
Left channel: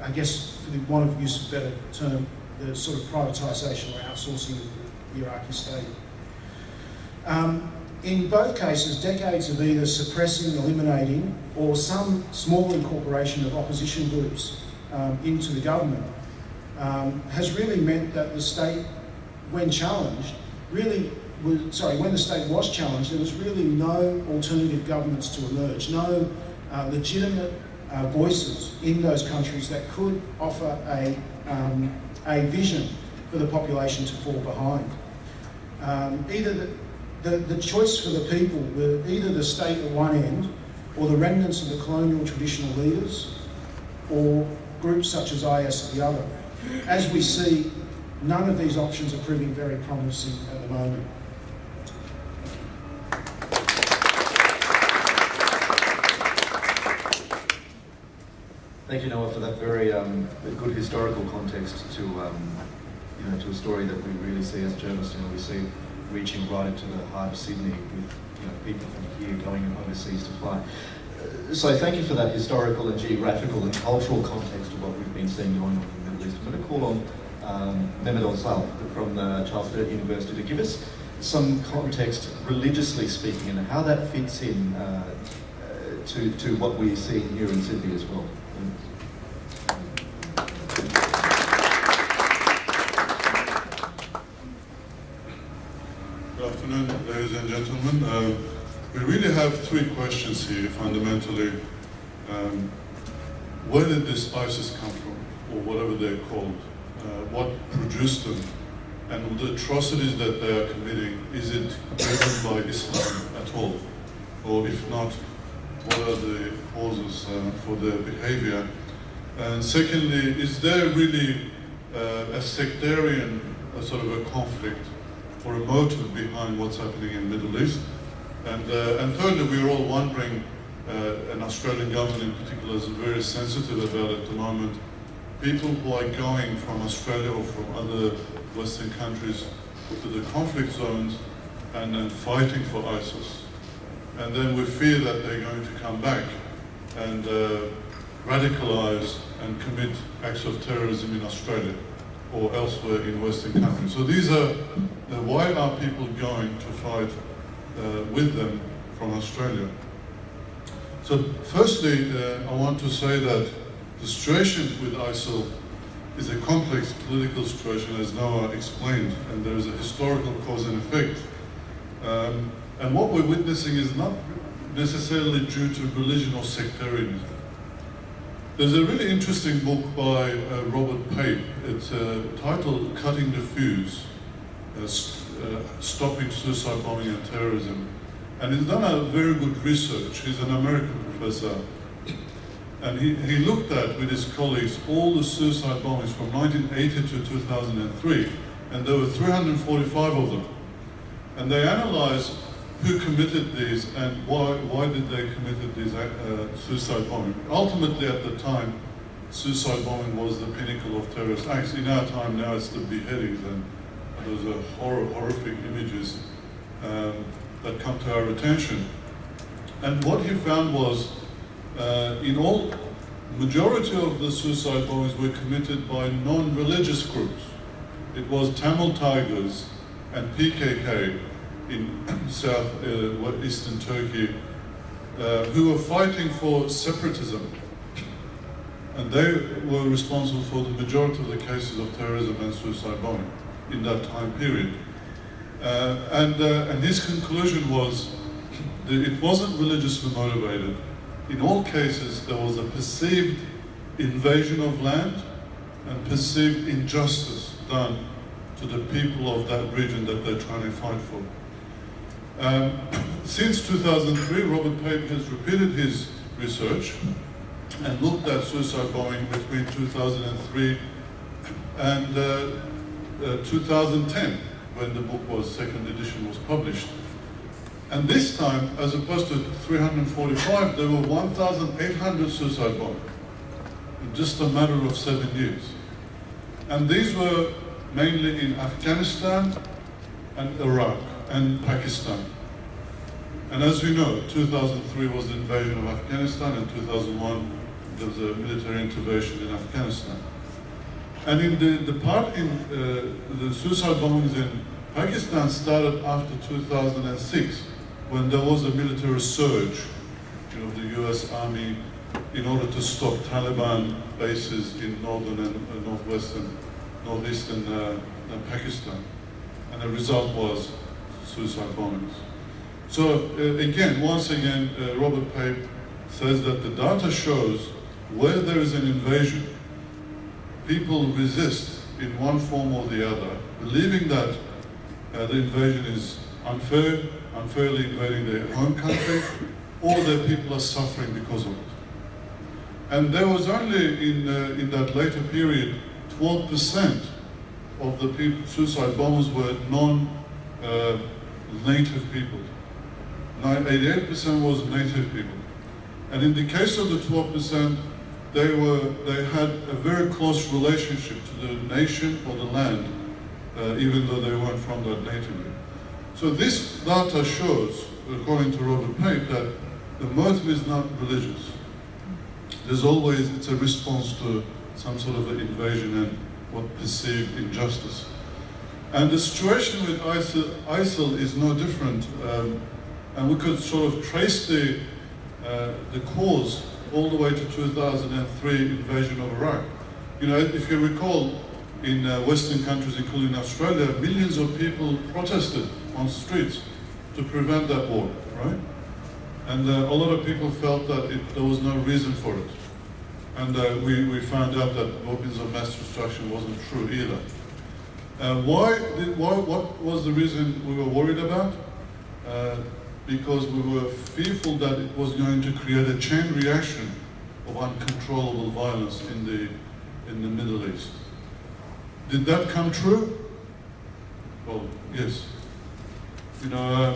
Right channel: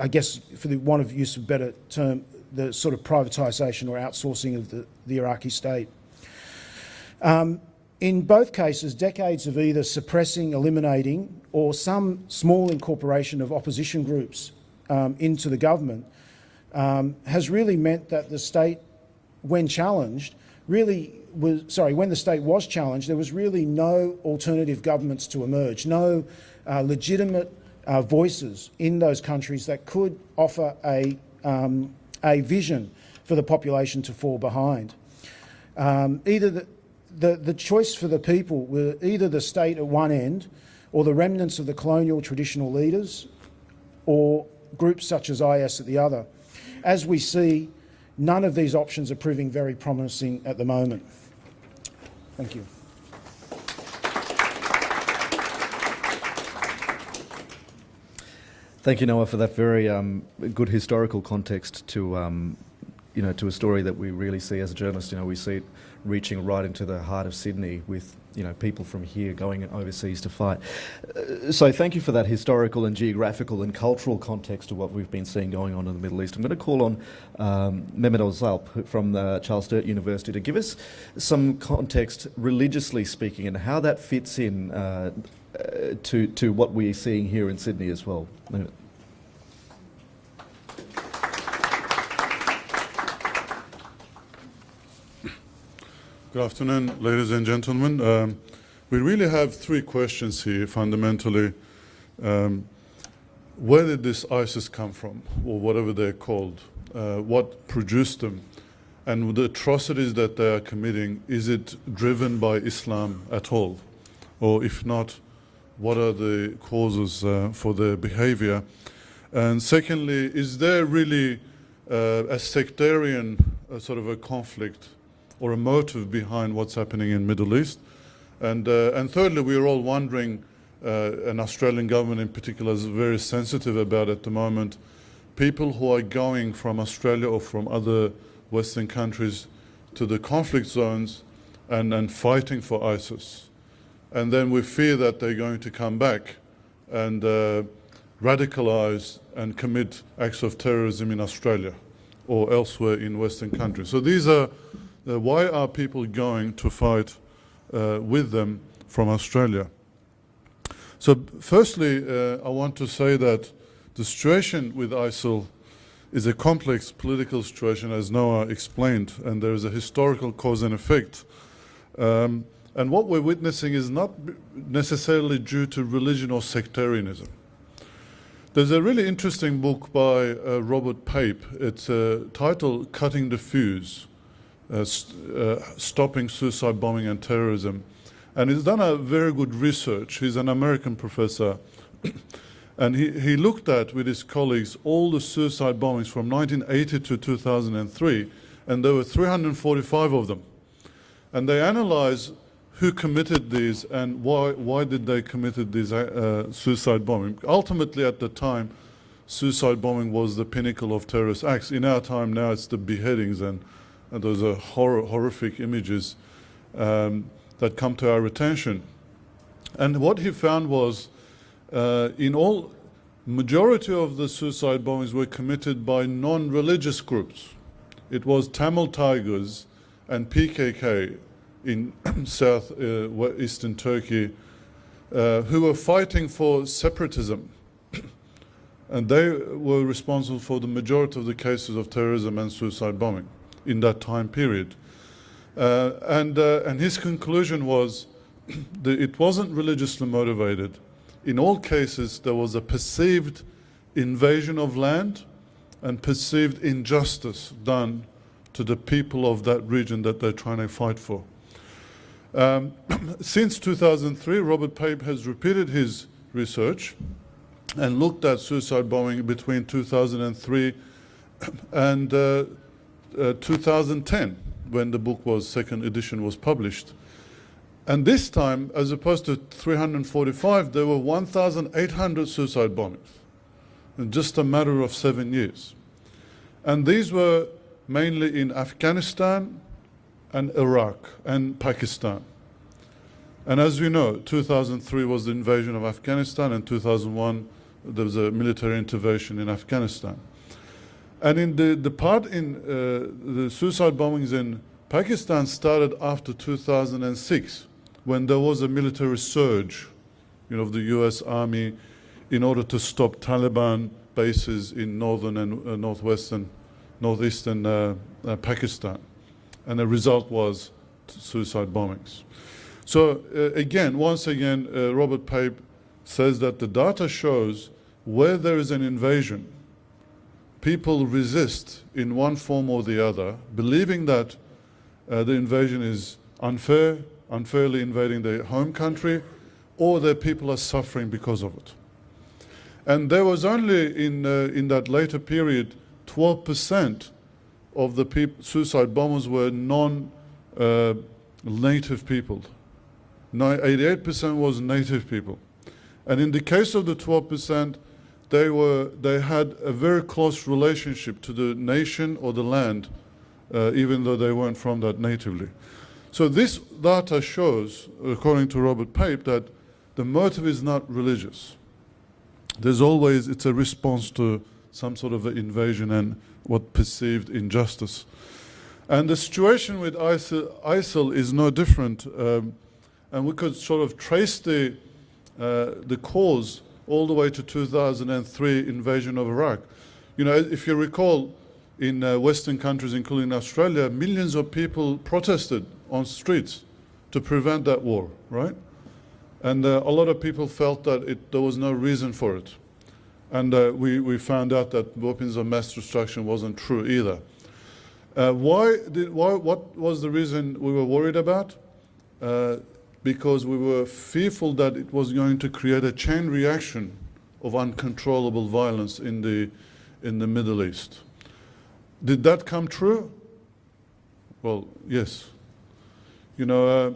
I guess for the want of use of a better term, the sort of privatisation or outsourcing of the Iraqi state. In both cases, decades of either suppressing, eliminating, or some small incorporation of opposition groups into the government has really meant that the state, when challenged, when the state was challenged, there was really no alternative governments to emerge, no legitimate voices in those countries that could offer a vision for the population to fall behind. Either the choice for the people were either the state at one end or the remnants of the colonial traditional leaders or groups such as IS at the other. As we see, none of these options are proving very promising at the moment. Thank you. Thank you, Noah, for that very good historical context to, to a story that we really see as journalists. We see reaching right into the heart of Sydney with, people from here going overseas to fight. So thank you for that historical and geographical and cultural context of what we've been seeing going on in the Middle East. I'm going to call on Mehmet Ozal from the Charles Sturt University to give us some context, religiously speaking, and how that fits in to what we're seeing here in Sydney as well. Good afternoon, ladies and gentlemen. We really have three questions here, fundamentally. Where did this ISIS come from, or whatever they're called? What produced them? And the atrocities that they are committing, is it driven by Islam at all? Or if not, what are the causes for their behavior? And secondly, is there really a sectarian sort of a conflict or a motive behind what's happening in the Middle East? And thirdly, we are all wondering, and Australian government in particular is very sensitive about at the moment, people who are going from Australia or from other Western countries to the conflict zones and fighting for ISIS. And then we fear that they're going to come back and radicalize and commit acts of terrorism in Australia or elsewhere in Western countries. So these are, why are people going to fight with them from Australia? So firstly, I want to say that the situation with ISIL is a complex political situation, as Noah explained, and there is a historical cause and effect. And what we're witnessing is not necessarily due to religion or sectarianism. There's a really interesting book by Robert Pape. It's titled Cutting the Fuse, Stopping Suicide Bombing and Terrorism. And he's done a very good research. He's an American professor. And he looked at, with his colleagues, all the suicide bombings from 1980 to 2003. And there were 345 of them. And they analyzed who committed these and why did they committed these suicide bombing. Ultimately, at the time, suicide bombing was the pinnacle of terrorist acts. In our time now, it's the beheadings, and those are horrific images that come to our attention. And what he found was, in all, majority of the suicide bombings were committed by non-religious groups. It was Tamil Tigers and PKK in eastern Turkey, who were fighting for separatism. And they were responsible for the majority of the cases of terrorism and suicide bombing in that time period. And his conclusion was that it wasn't religiously motivated. In all cases, there was a perceived invasion of land and perceived injustice done to the people of that region that they're trying to fight for. Since 2003, Robert Pape has repeated his research and looked at suicide bombing between 2003 and 2010, when the book was, second edition was published. And this time, as opposed to 345, there were 1,800 suicide bombings in just a matter of 7 years. And these were mainly in Afghanistan and Iraq and Pakistan. And as you know, 2003 was the invasion of Afghanistan, and 2001 there was a military intervention in Afghanistan. And in the part in the suicide bombings in Pakistan started after 2006, when there was a military surge, of the US Army in order to stop Taliban bases in northern and northeastern Pakistan. And the result was suicide bombings. So once again, Robert Pape says that the data shows where there is an invasion, people resist in one form or the other, believing that the invasion is unfair, unfairly invading their home country, or that people are suffering because of it. And there was only in that later period, 12% of the suicide bombers were non-native people. 88% was native people. And in the case of the 12%, they had a very close relationship to the nation or the land, even though they weren't from that natively. So this data shows, according to Robert Pape, that the motive is not religious. There's always, it's a response to some sort of an invasion and what perceived injustice. And the situation with ISIL is no different, and we could sort of trace the cause all the way to 2003 invasion of Iraq. You know, if you recall, in Western countries, including Australia, millions of people protested on streets to prevent that war, right? And a lot of people felt that there was no reason for it. And we found out that weapons of mass destruction wasn't true either. What was the reason we were worried about? Because we were fearful that it was going to create a chain reaction of uncontrollable violence in the Middle East. Did that come true? Well, yes. You know,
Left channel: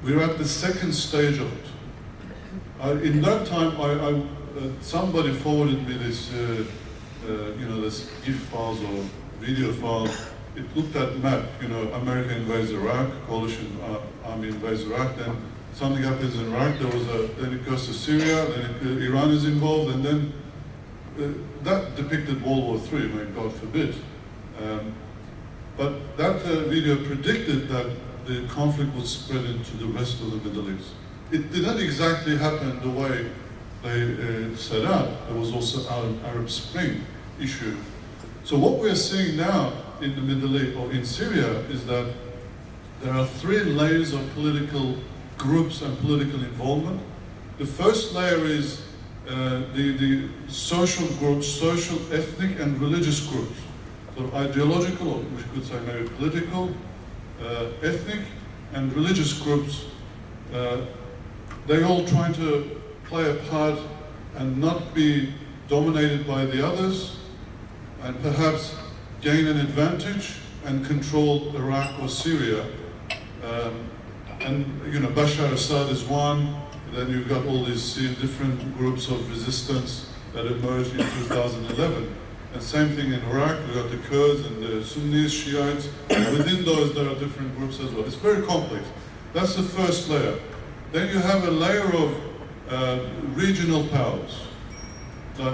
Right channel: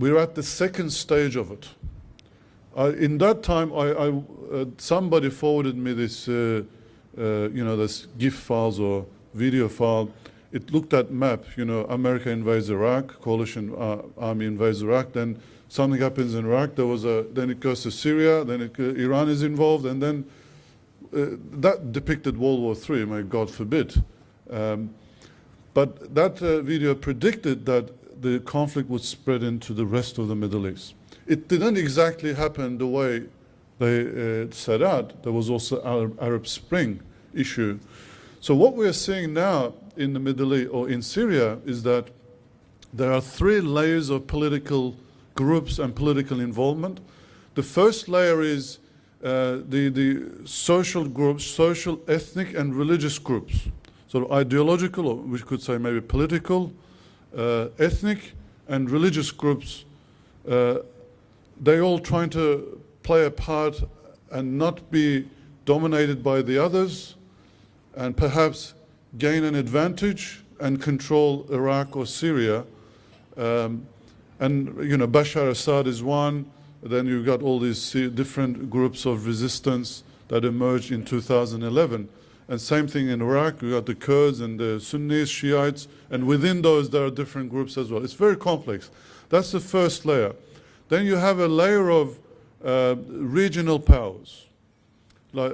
we're at the second stage of it. In that time, somebody forwarded me this, this GIF files or video file. It looked at map. You know, America invades Iraq, coalition army invades Iraq. Then something happens in Iraq. Then it goes to Syria. Then Iran is involved, and then that depicted World War III. May God forbid. But that video predicted that the conflict would spread into the rest of the Middle East. It didn't exactly happen the way they set out. There was also Arab Spring issue. So what we're seeing now in the Middle East or in Syria is that there are three layers of political groups and political involvement. The first layer is the social groups, social, ethnic, and religious groups. So ideological, or we could say maybe political, ethnic, and religious groups. They're all trying to play a part and not be dominated by the others, and perhaps gain an advantage and control Iraq or Syria. And you know, Bashar Assad is one. Then you've got all these different groups of resistance that emerged in 2011. And same thing in Iraq. We've got the Kurds and the Sunnis, Shiites, and within those there are different groups as well. It's very complex. That's the first layer. Then you have a layer of regional powers,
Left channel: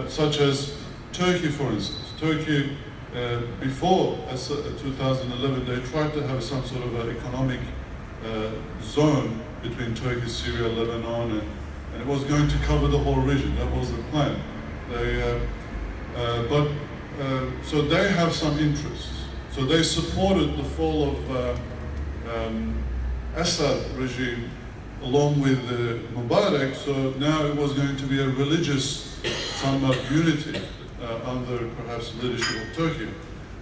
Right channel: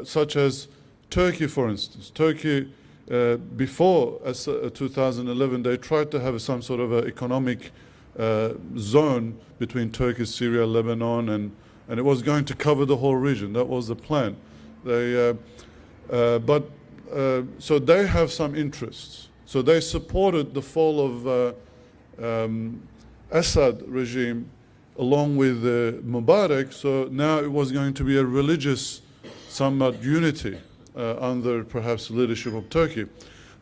such as Turkey, for instance. Turkey, before 2011, they tried to have some sort of an economic zone between Turkey, Syria, Lebanon, and it was going to cover the whole region. That was the plan. So they have some interests. So they supported the fall of Asad regime along with Mubarak. So now it was going to be a religious, somewhat unity under perhaps the leadership of Turkey.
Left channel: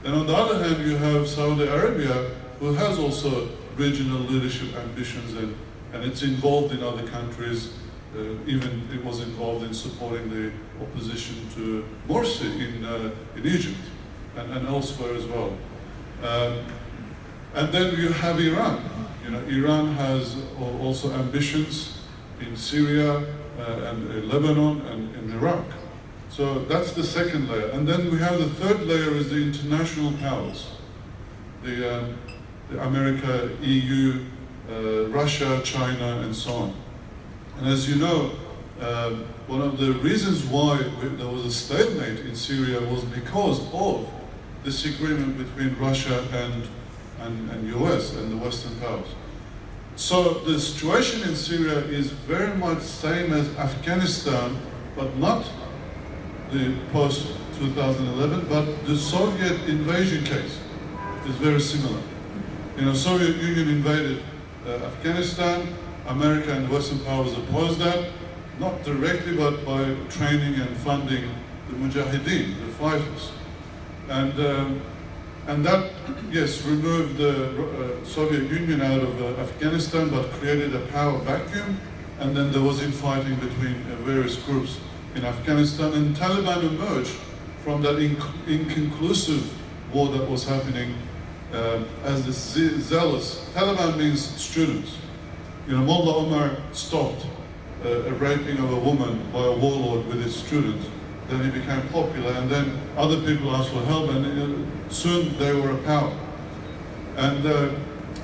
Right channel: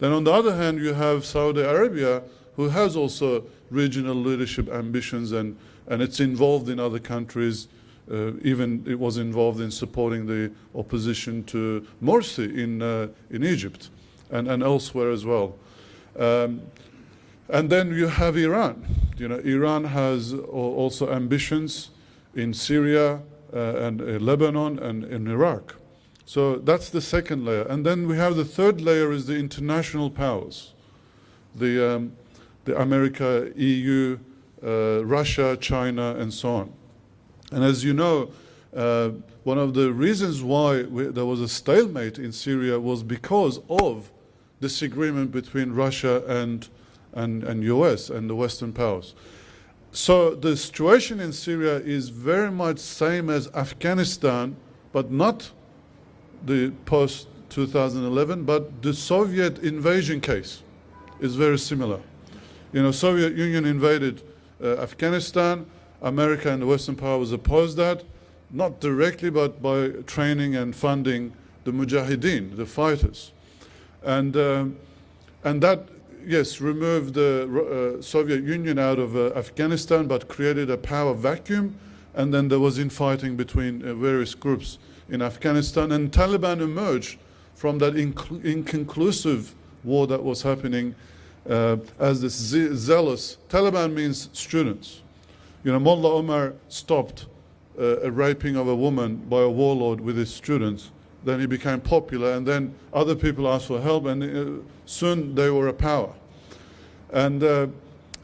Then on the other hand, you have Saudi Arabia, who has also regional leadership ambitions, and it's involved in other countries. Even it was involved in supporting the opposition to Morsi in Egypt and elsewhere as well. And then you have Iran. You know, Iran has also ambitions in Syria and Lebanon and in Iraq. So that's the second layer. And then we have the third layer is the international powers. The America, EU, Russia, China, and so on. And as you know, one of the reasons why there was a stalemate in Syria was because of disagreement between Russia and US and the Western powers. So the situation in Syria is very much same as Afghanistan, but not the post-2011, but the Soviet invasion case is very similar. You know, Soviet Union invaded Afghanistan. America and the Western powers opposed that, not directly, but by training and funding the Mujahideen, the fighters. And that, yes, removed the Soviet Union out of Afghanistan, but created a power vacuum. And then there was infighting between various groups in Afghanistan. And Taliban emerged from that inconclusive war that was happening as this zealous. Taliban means students. You know, Mullah Omar stopped a raping of a woman by a warlord with his students. Then he became popular, and then other people asked for help, and soon they were a power. And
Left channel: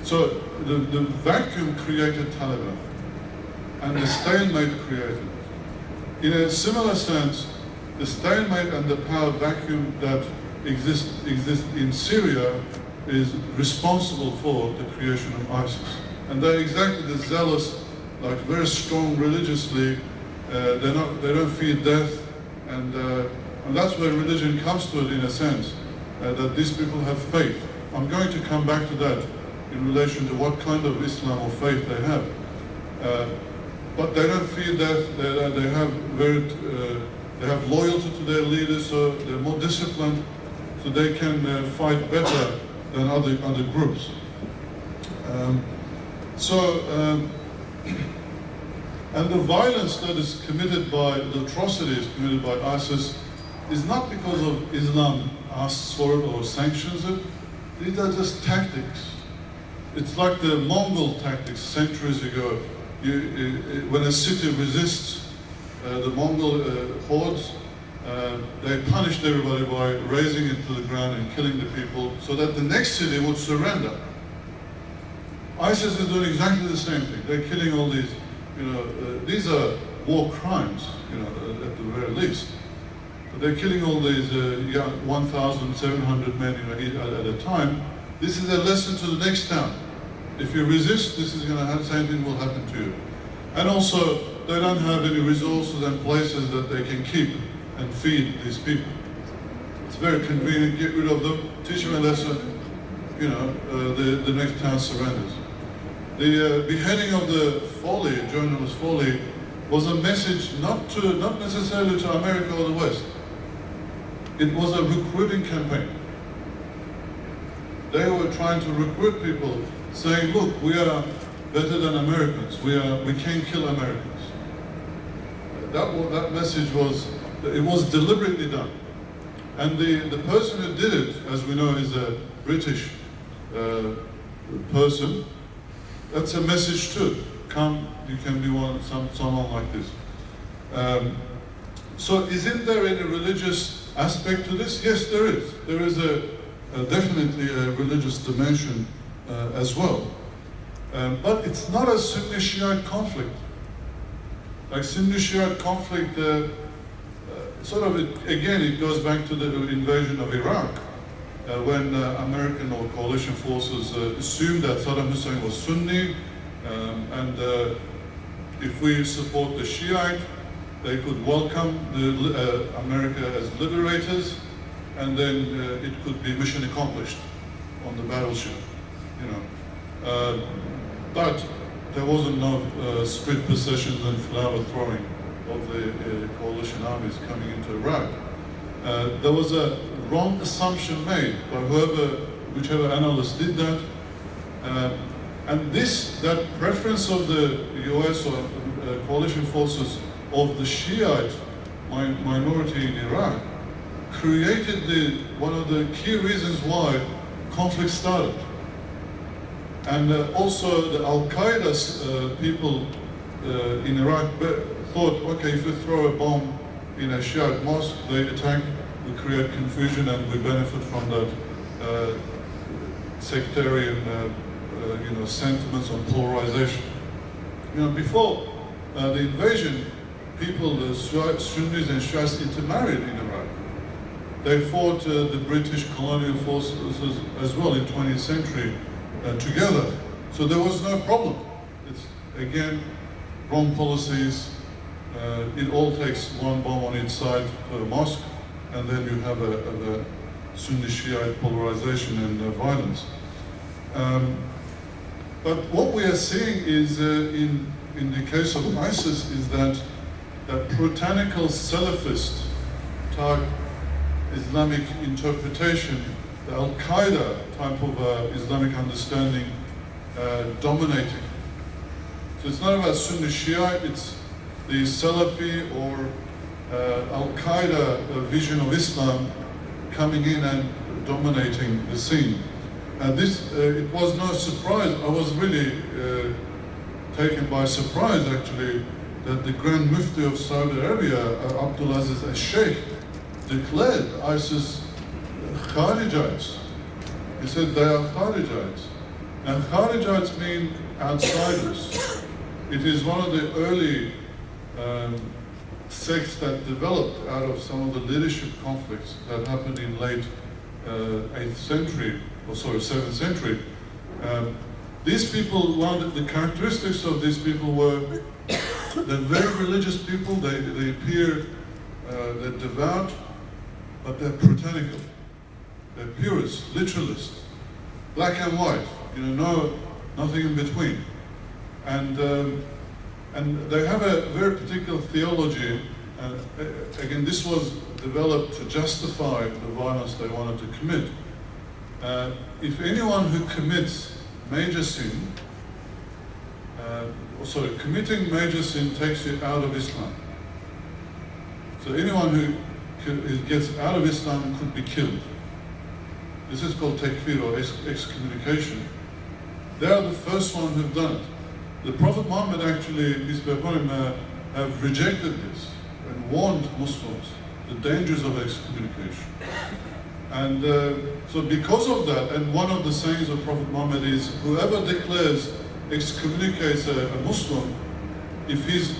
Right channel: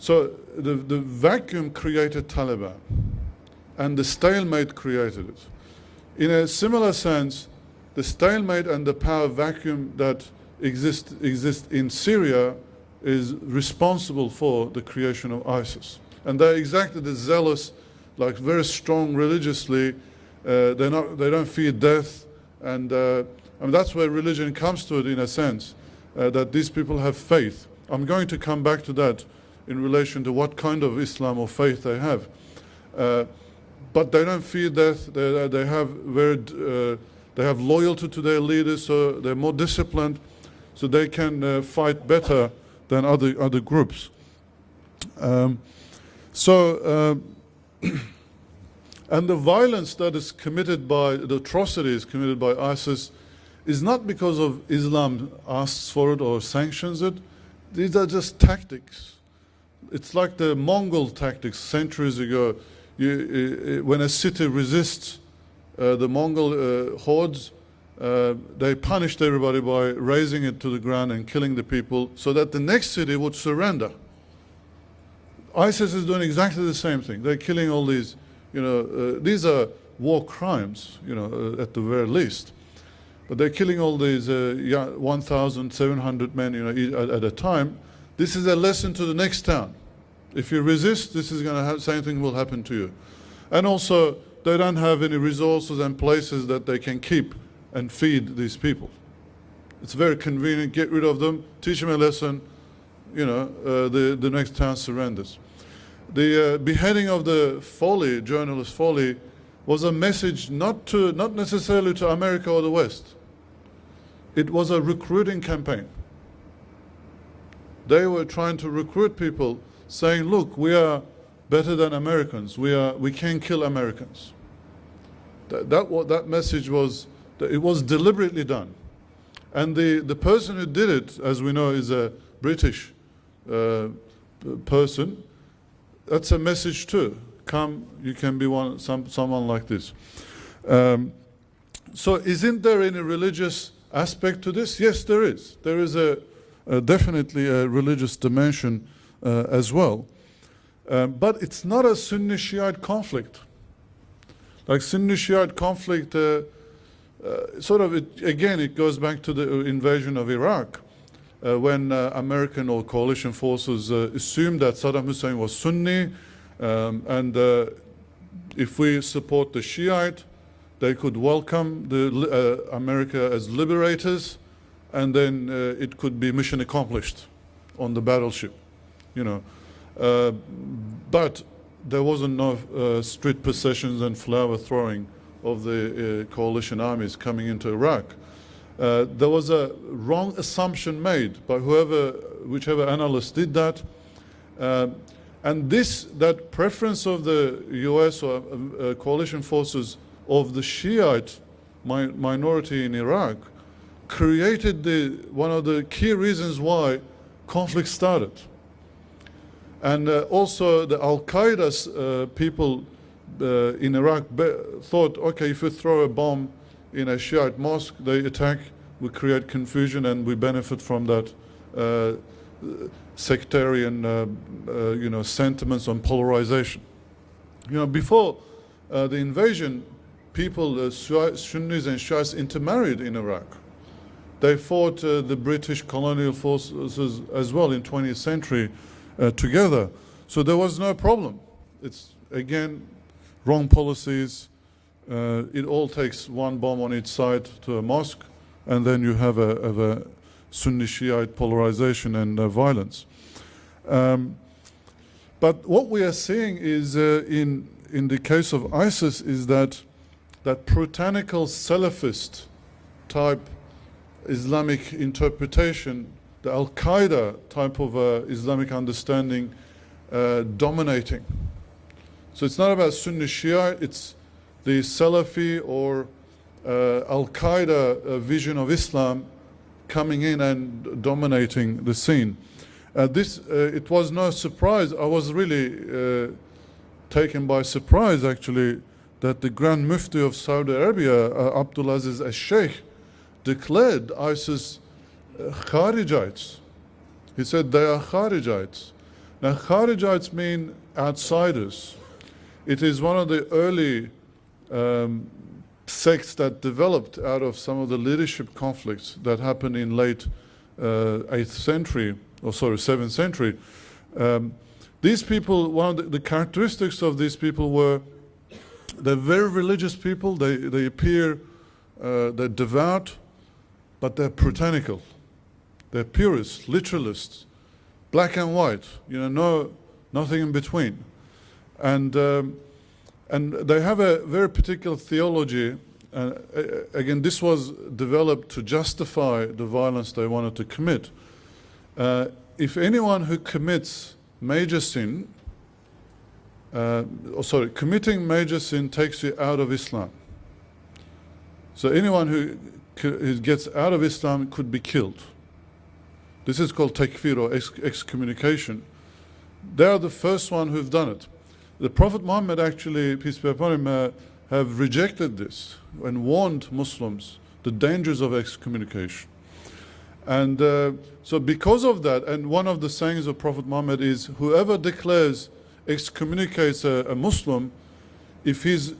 so the vacuum created Taliban, and the stalemate created it. In a similar sense, the stalemate and the power vacuum that exists in Syria is responsible for the creation of ISIS. And they're exactly the zealous, like very strong religiously. They don't fear death, and that's where religion comes to it in a sense, that these people have faith. I'm going to come back to that in relation to what kind of Islam or faith they have. But they don't fear death. They have loyalty to their leaders, so they're more disciplined, so they can fight better than other groups. And the violence that is committed by, the atrocities committed by ISIS is not because of Islam asks for it or sanctions it. These are just tactics. It's like the Mongol tactics centuries ago. When a city resists the Mongol hordes, they punished everybody by razing it to the ground and killing the people so that the next city would surrender. ISIS is doing exactly the same thing. They're killing all these, these are war crimes, at the very least. But they're killing all these 1,700 men at a time. This is a lesson to the next town. If you resist, this is going to have, same thing will happen to you. And also, they don't have any resources and places that they can keep and feed these people. It's very convenient, get rid of them, teach them a lesson, the next town surrenders. The beheading of the Foley, journalist Foley, was a message not necessarily to America or the West. It was a recruiting campaign. They were trying to recruit people, saying, look, we are better than Americans. We can kill Americans. That message was deliberately done. And the person who did it, as we know, is a British person. That's a message too. Come, you can be someone like this. So isn't there any religious aspect to this? Yes, there is. There is definitely a religious dimension as well. But it's not a Sunni-Shiite conflict. Like Sunni-Shiite conflict, it goes back to the invasion of Iraq, when American or coalition forces assumed that Saddam Hussein was Sunni, and if we support the Shiite, they could welcome America as liberators, and then it could be mission accomplished on the battleship, But there wasn't no street processions and flower throwing of the coalition armies coming into Iraq. There was a wrong assumption made by whichever analyst did that, and that preference of the US or coalition forces of the Shiite minority in Iraq created one of the key reasons why conflict started. And also the Al-Qaeda people in Iraq thought, okay, if we throw a bomb in a Shiite mosque, they attack, we create confusion, and we benefit from that sectarian, sentiments on polarization. Before the invasion, the Sunnis and Shiites intermarried in Iraq. They fought the British colonial forces as well in 20th century together. So there was no problem. It's, again, wrong policies. It all takes one bomb on each side to a mosque, and then you have a Sunni-Shiite polarization and violence. But what we are seeing is, in the case of ISIS, is that puritanical Salafist type Islamic interpretation, the Al-Qaeda type of Islamic understanding dominating. So it's not about Sunni Shia, it's the Salafi or Al-Qaeda vision of Islam coming in and dominating the scene. It was no surprise. I was really taken by surprise, actually, that the Grand Mufti of Saudi Arabia, Abdulaziz al-Sheikh, declared ISIS Kharijites. He said they are Kharijites. Now, Kharijites mean outsiders. It is one of the early sects that developed out of some of the leadership conflicts that happened in late 7th century. These people, one of the characteristics of these people were they're very religious people. They appear, they're devout, but they're puritanical. They're purists, literalists, black and white. Nothing in between. And they have a very particular theology. Again, this was developed to justify the violence they wanted to commit. If anyone who commits major sin, committing major sin takes you out of Islam. So anyone who gets out of Islam could be killed. This is called takfir, or excommunication. They are the first one who've done it. The Prophet Muhammad actually, peace be upon him, have rejected this and warned Muslims the dangers of excommunication. And so because of that, and one of the sayings of Prophet Muhammad is, whoever declares, excommunicates a Muslim, if he's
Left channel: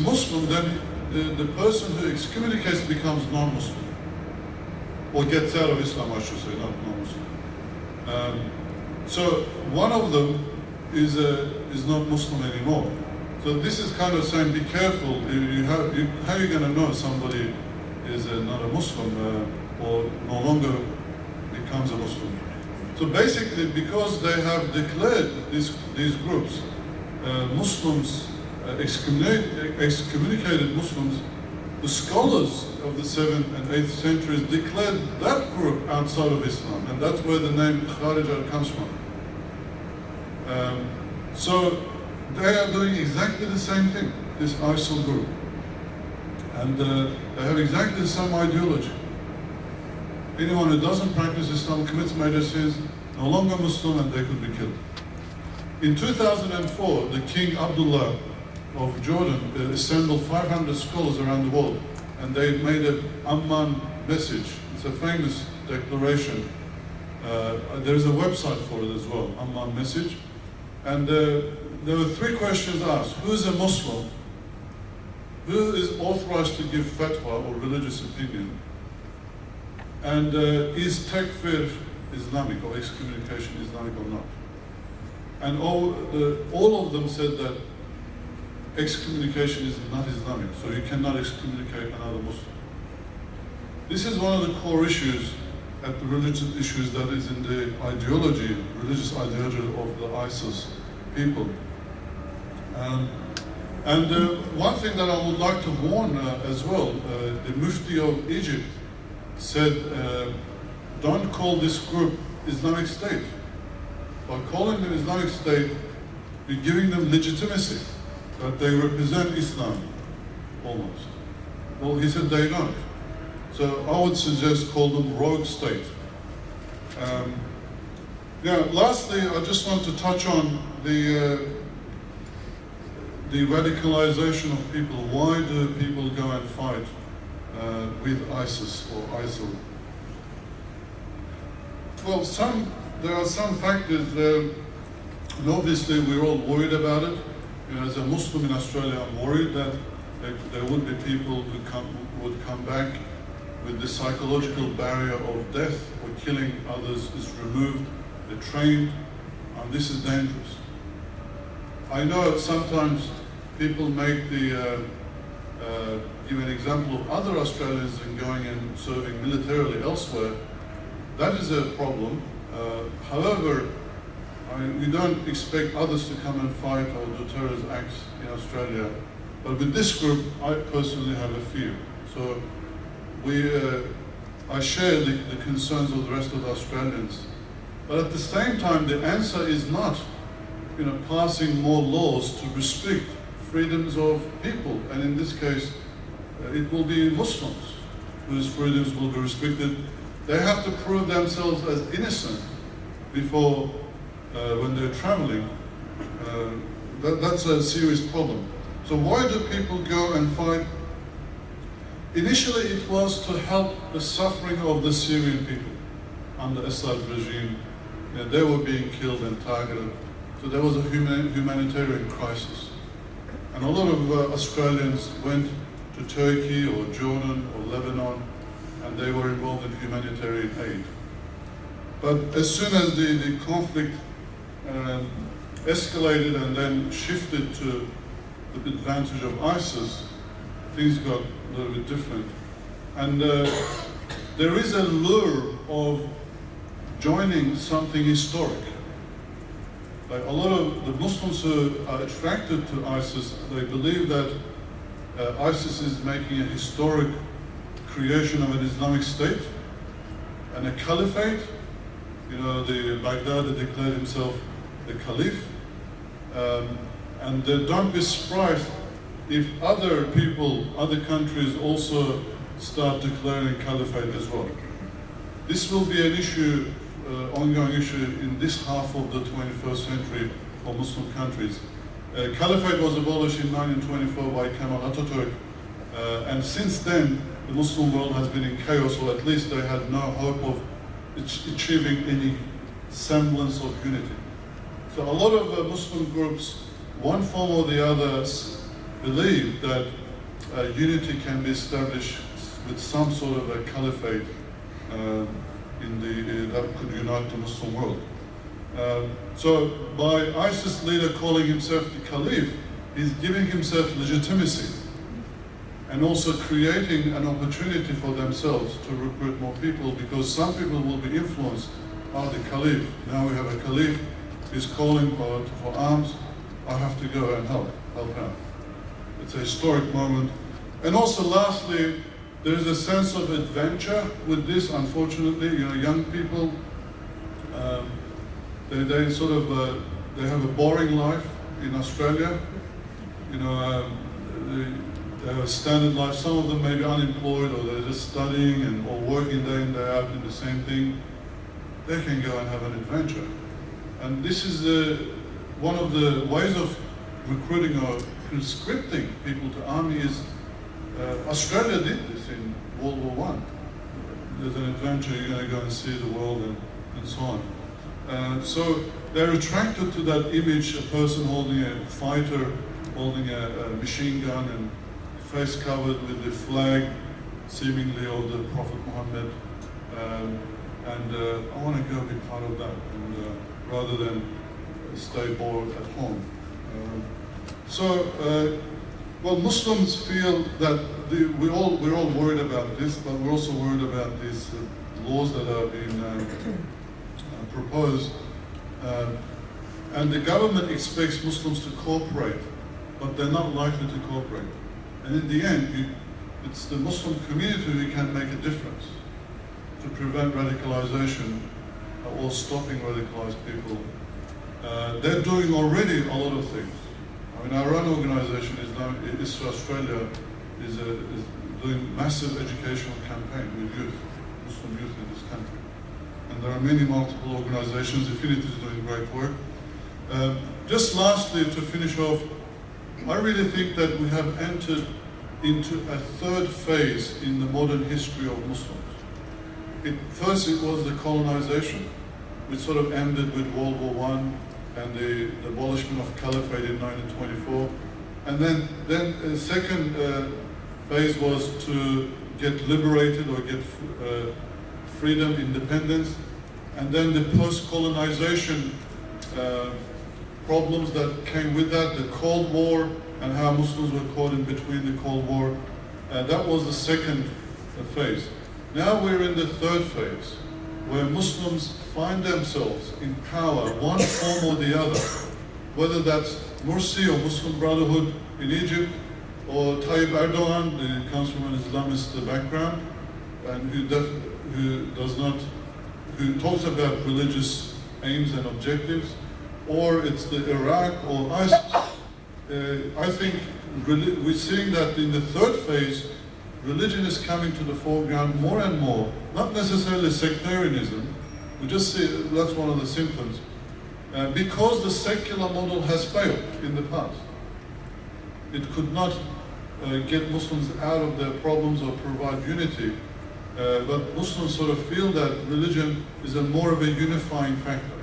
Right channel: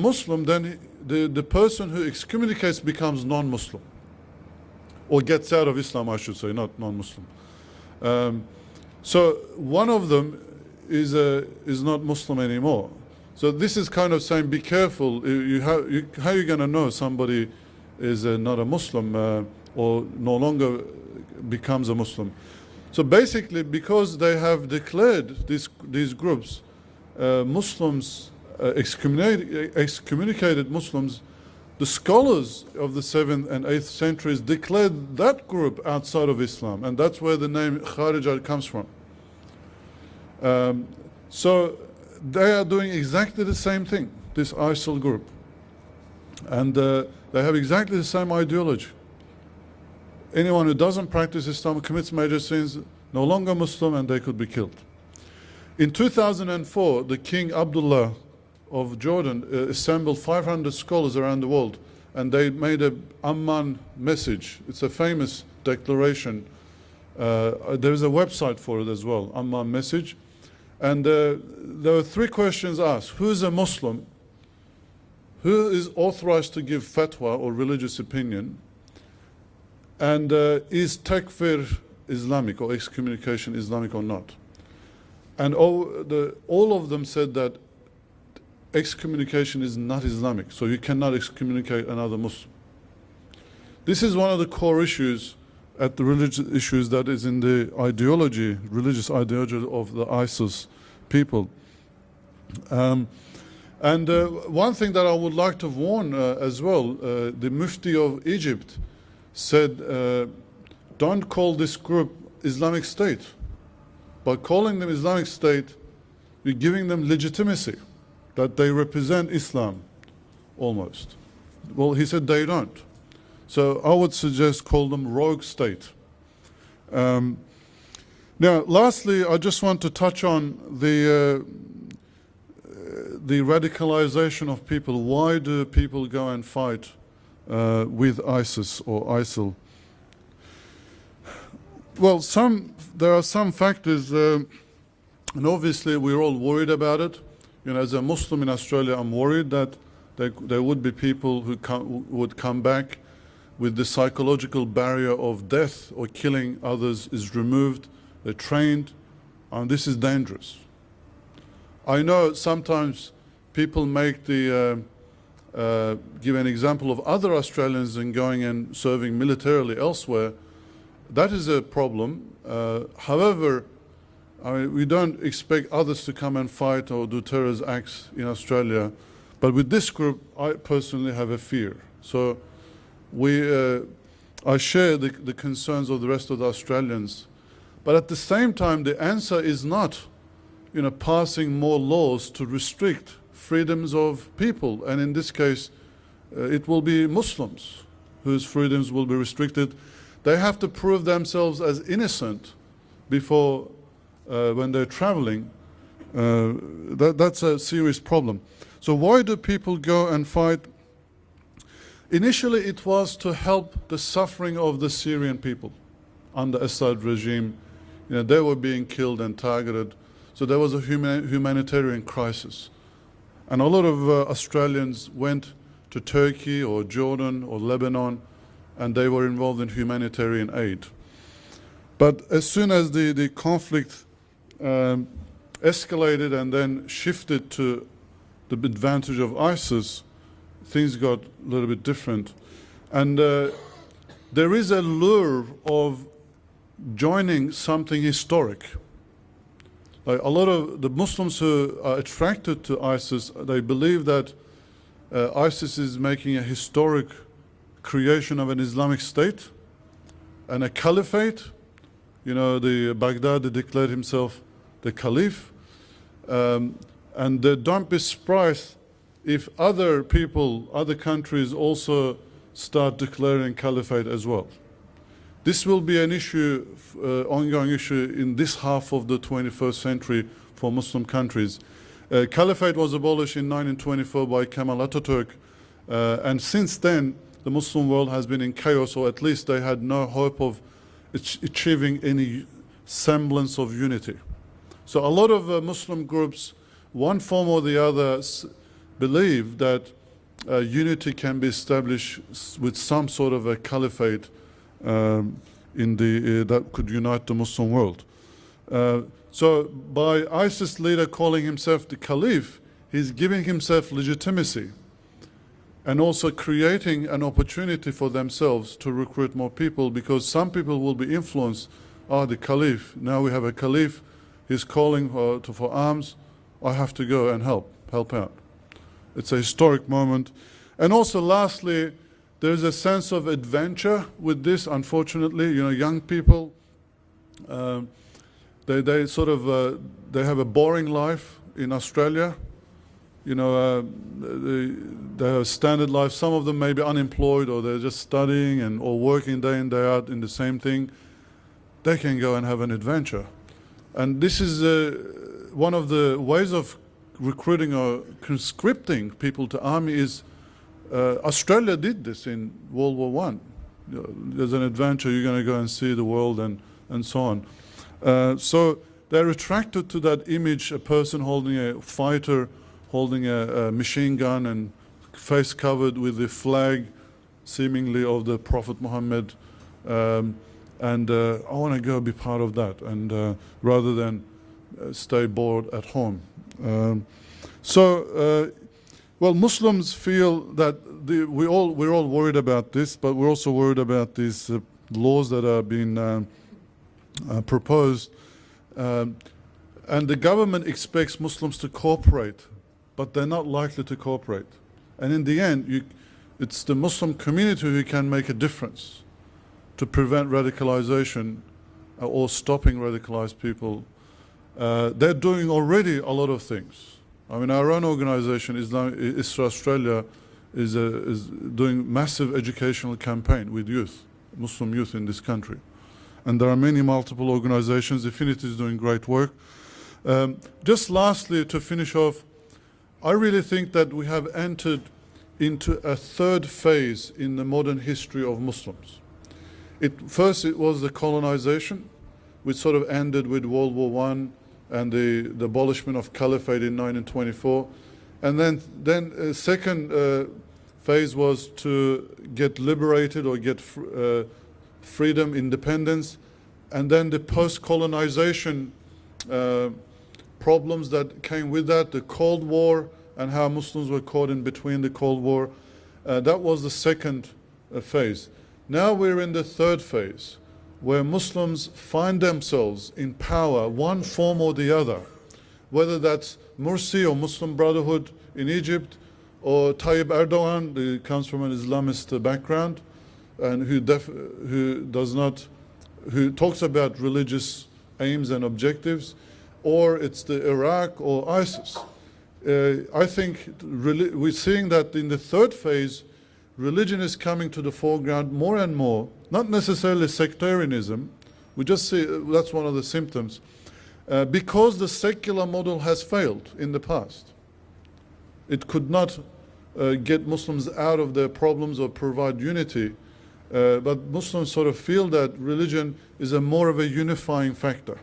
Muslim, then the person who excommunicates becomes non-Muslim. Or gets out of Islam, I should say, not non-Muslim. So one of them is not Muslim anymore. So this is kind of saying, be careful. How are you going to know somebody is not a Muslim or no longer becomes a Muslim? So basically, because they have declared these groups, Muslims, excommunicated Muslims, the scholars of the 7th and 8th centuries declared that group outside of Islam, and that's where the name Kharijite comes from. So they are doing exactly the same thing, this ISIL group. And they have exactly the same ideology. Anyone who doesn't practice Islam, commits major sins, no longer Muslim, and they could be killed. In 2004, the King Abdullah of Jordan assembled 500 scholars around the world, and they made an Amman message. It's a famous declaration. There's a website for it as well, Amman message. And there were 3 questions asked. Who is a Muslim? Who is authorized to give fatwa or religious opinion? And is takfir Islamic, or excommunication Islamic or not? And all of them said that excommunication is not Islamic, so you cannot excommunicate another Muslim. This is one of the core issues at the religious issues that is in the ideology, religious ideology of the ISIS people. One thing that I would like to warn as well, the Mufti of Egypt said, don't call this group Islamic State. By calling them Islamic State, you're giving them legitimacy, that they represent Islam, almost. Well, he said they don't. So I would suggest call them rogue state. Now, lastly, I just want to touch on the radicalization of people. Why do people go and fight with ISIS or ISIL? Well, there are some factors, and obviously we're all worried about it. As a Muslim in Australia, I'm worried that there would be people who would come back with the psychological barrier of death or killing others is removed. They're trained, and this is dangerous. I know sometimes people make give an example of other Australians in going and serving militarily elsewhere. That is a problem. However, we don't expect others to come and fight or do terrorist acts in Australia. But with this group, I personally have a fear. So I share the concerns of the rest of the Australians. But at the same time, the answer is not, passing more laws to restrict freedoms of people. And in this case, it will be Muslims whose freedoms will be restricted. They have to prove themselves as innocent before, when they're traveling. That's a serious problem. So why do people go and fight? Initially, it was to help the suffering of the Syrian people under Asad regime. You know, they were being killed and targeted. So there was a humanitarian crisis. And a lot of Australians went to Turkey or Jordan or Lebanon, and they were involved in humanitarian aid. But as soon as the conflict escalated and then shifted to the advantage of ISIS, things got a little bit different. And there is a lure of joining something historic. Like a lot of the Muslims who are attracted to ISIS, they believe that ISIS is making a historic creation of an Islamic state and a caliphate. You know, the Baghdad declared himself the caliph. And don't be surprised if other people, other countries also start declaring caliphate as well. This will be an issue, ongoing issue in this half of the 21st century for Muslim countries. Caliphate was abolished in 1924 by Kemal Atatürk, and since then the Muslim world has been in chaos, or at least they had no hope of achieving any semblance of unity. So a lot of Muslim groups, one form or the other, believe that unity can be established with some sort of a caliphate that could unite the Muslim world. So by ISIS leader calling himself the caliph, he's giving himself legitimacy and also creating an opportunity for themselves to recruit more people, because some people will be influenced. The caliph, now we have a caliph, he's calling for arms, I have to go and help out. It's a historic moment. And also lastly, there's a sense of adventure with this, unfortunately. You know, young people, they sort of, they have a boring life in Australia. You know, they have a standard life. Some of them may be unemployed, or they're just studying or working day in, day out in the same thing. They can go and have an adventure. And this is one of the ways of recruiting or conscripting people to army is, Australia did this in World War I. There's an adventure, you're going to go and see the world and so on. So they're attracted to that image, a person holding a fighter, holding a machine gun and face covered with the flag, seemingly of the Prophet Muhammad. And I want to go be part of that, and rather than stay bored at home. Well, Muslims feel that we're all worried about this, but we're also worried about these laws that are being proposed. And the government expects Muslims to cooperate, but they're not likely to cooperate. And in the end, it's the Muslim community who can make a difference to prevent radicalization or stopping radicalized people. They're doing already a lot of things. I mean, our own organization, ISRA Australia, is doing massive educational campaign with youth, Muslim youth in this country. And there are many multiple organizations. Affinity is doing great work. Just lastly, to finish off, I really think that we have entered into a third phase in the modern history of Muslims. First, it was the colonization, which sort of ended with World War I and the abolishment of caliphate in 1924. And then the second phase was to get liberated or get freedom, independence. And then the post-colonization problems that came with that, the Cold War and how Muslims were caught in between the Cold War. That was the second phase. Now we're in the third phase, where Muslims find themselves in power, one form or the other, whether that's Morsi or Muslim Brotherhood in Egypt, or Tayyip Erdogan, who comes from an Islamist background, and who talks about religious aims and objectives, or it's the Iraq or ISIS. I think we're seeing that in the third phase, religion is coming to the foreground more and more, not necessarily sectarianism, we just see that's one of the symptoms, because the secular model has failed in the past. It could not get Muslims out of their problems or provide unity. But Muslims sort of feel that religion is more of a unifying factor.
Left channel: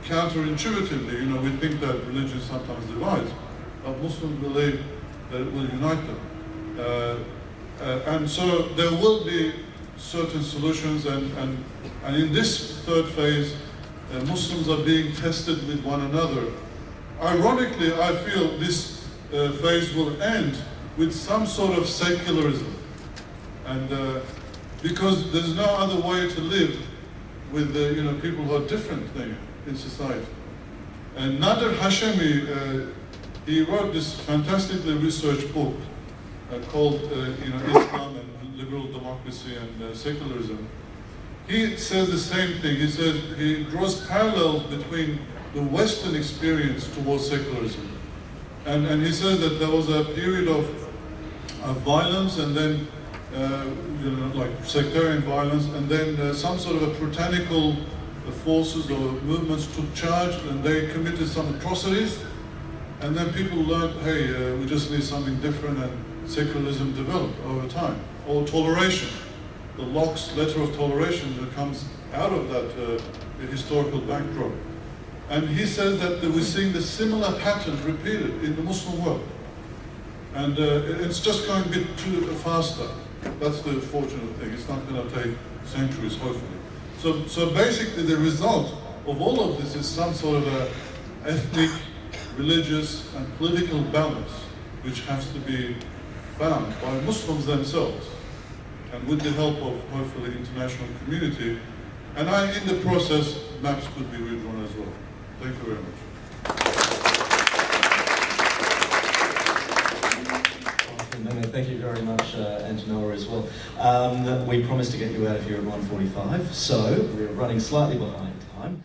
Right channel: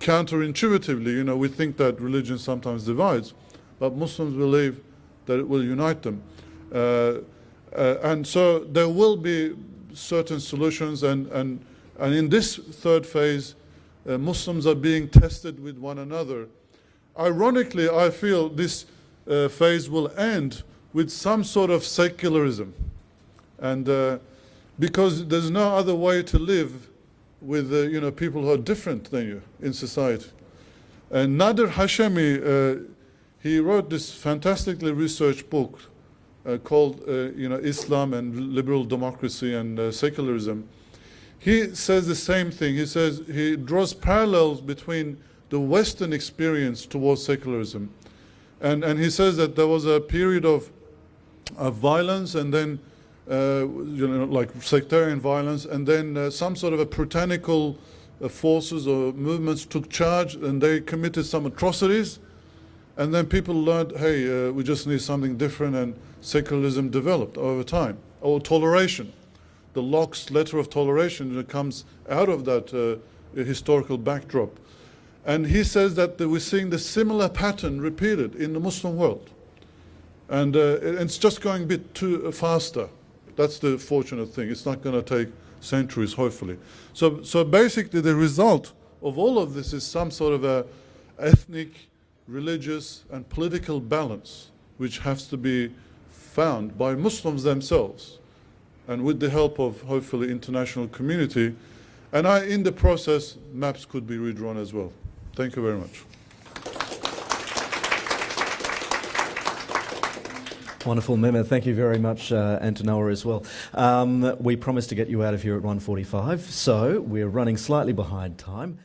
Counterintuitively, we think that religion sometimes divides, but Muslims believe that it will unite them. And so there will be certain solutions, and in this third phase, Muslims are being tested with one another. Ironically, I feel this phase will end with some sort of secularism, and because there's no other way to live with people who are different than you in society. And Nader Hashemi, he wrote this fantastically researched book called Islam and Liberal Democracy and Secularism. He says the same thing. He says he draws parallels between the Western experience towards secularism, and he says that there was a period of violence, and then like sectarian violence, and then some sort of a puritanical forces or movements took charge, and they committed some atrocities, and then people learned, hey, we just need something different, and secularism developed over time. Or toleration, the Locke's letter of toleration that comes out of that historical backdrop. And he says that we're seeing the similar pattern repeated in the Muslim world. And it's just going a bit too faster. That's the fortunate thing. It's not going to take centuries, hopefully. So basically the result of all of this is some sort of a ethnic, religious, and political balance, which has to be found by Muslims themselves, and with the help of, hopefully, international community. And in the process, maps could be redrawn as well. Thank you very much. Wonderful, Mehmet. Thank you very much, Antonoa, as well. We promised to get you out of here at 1:45, so we're running slightly behind time.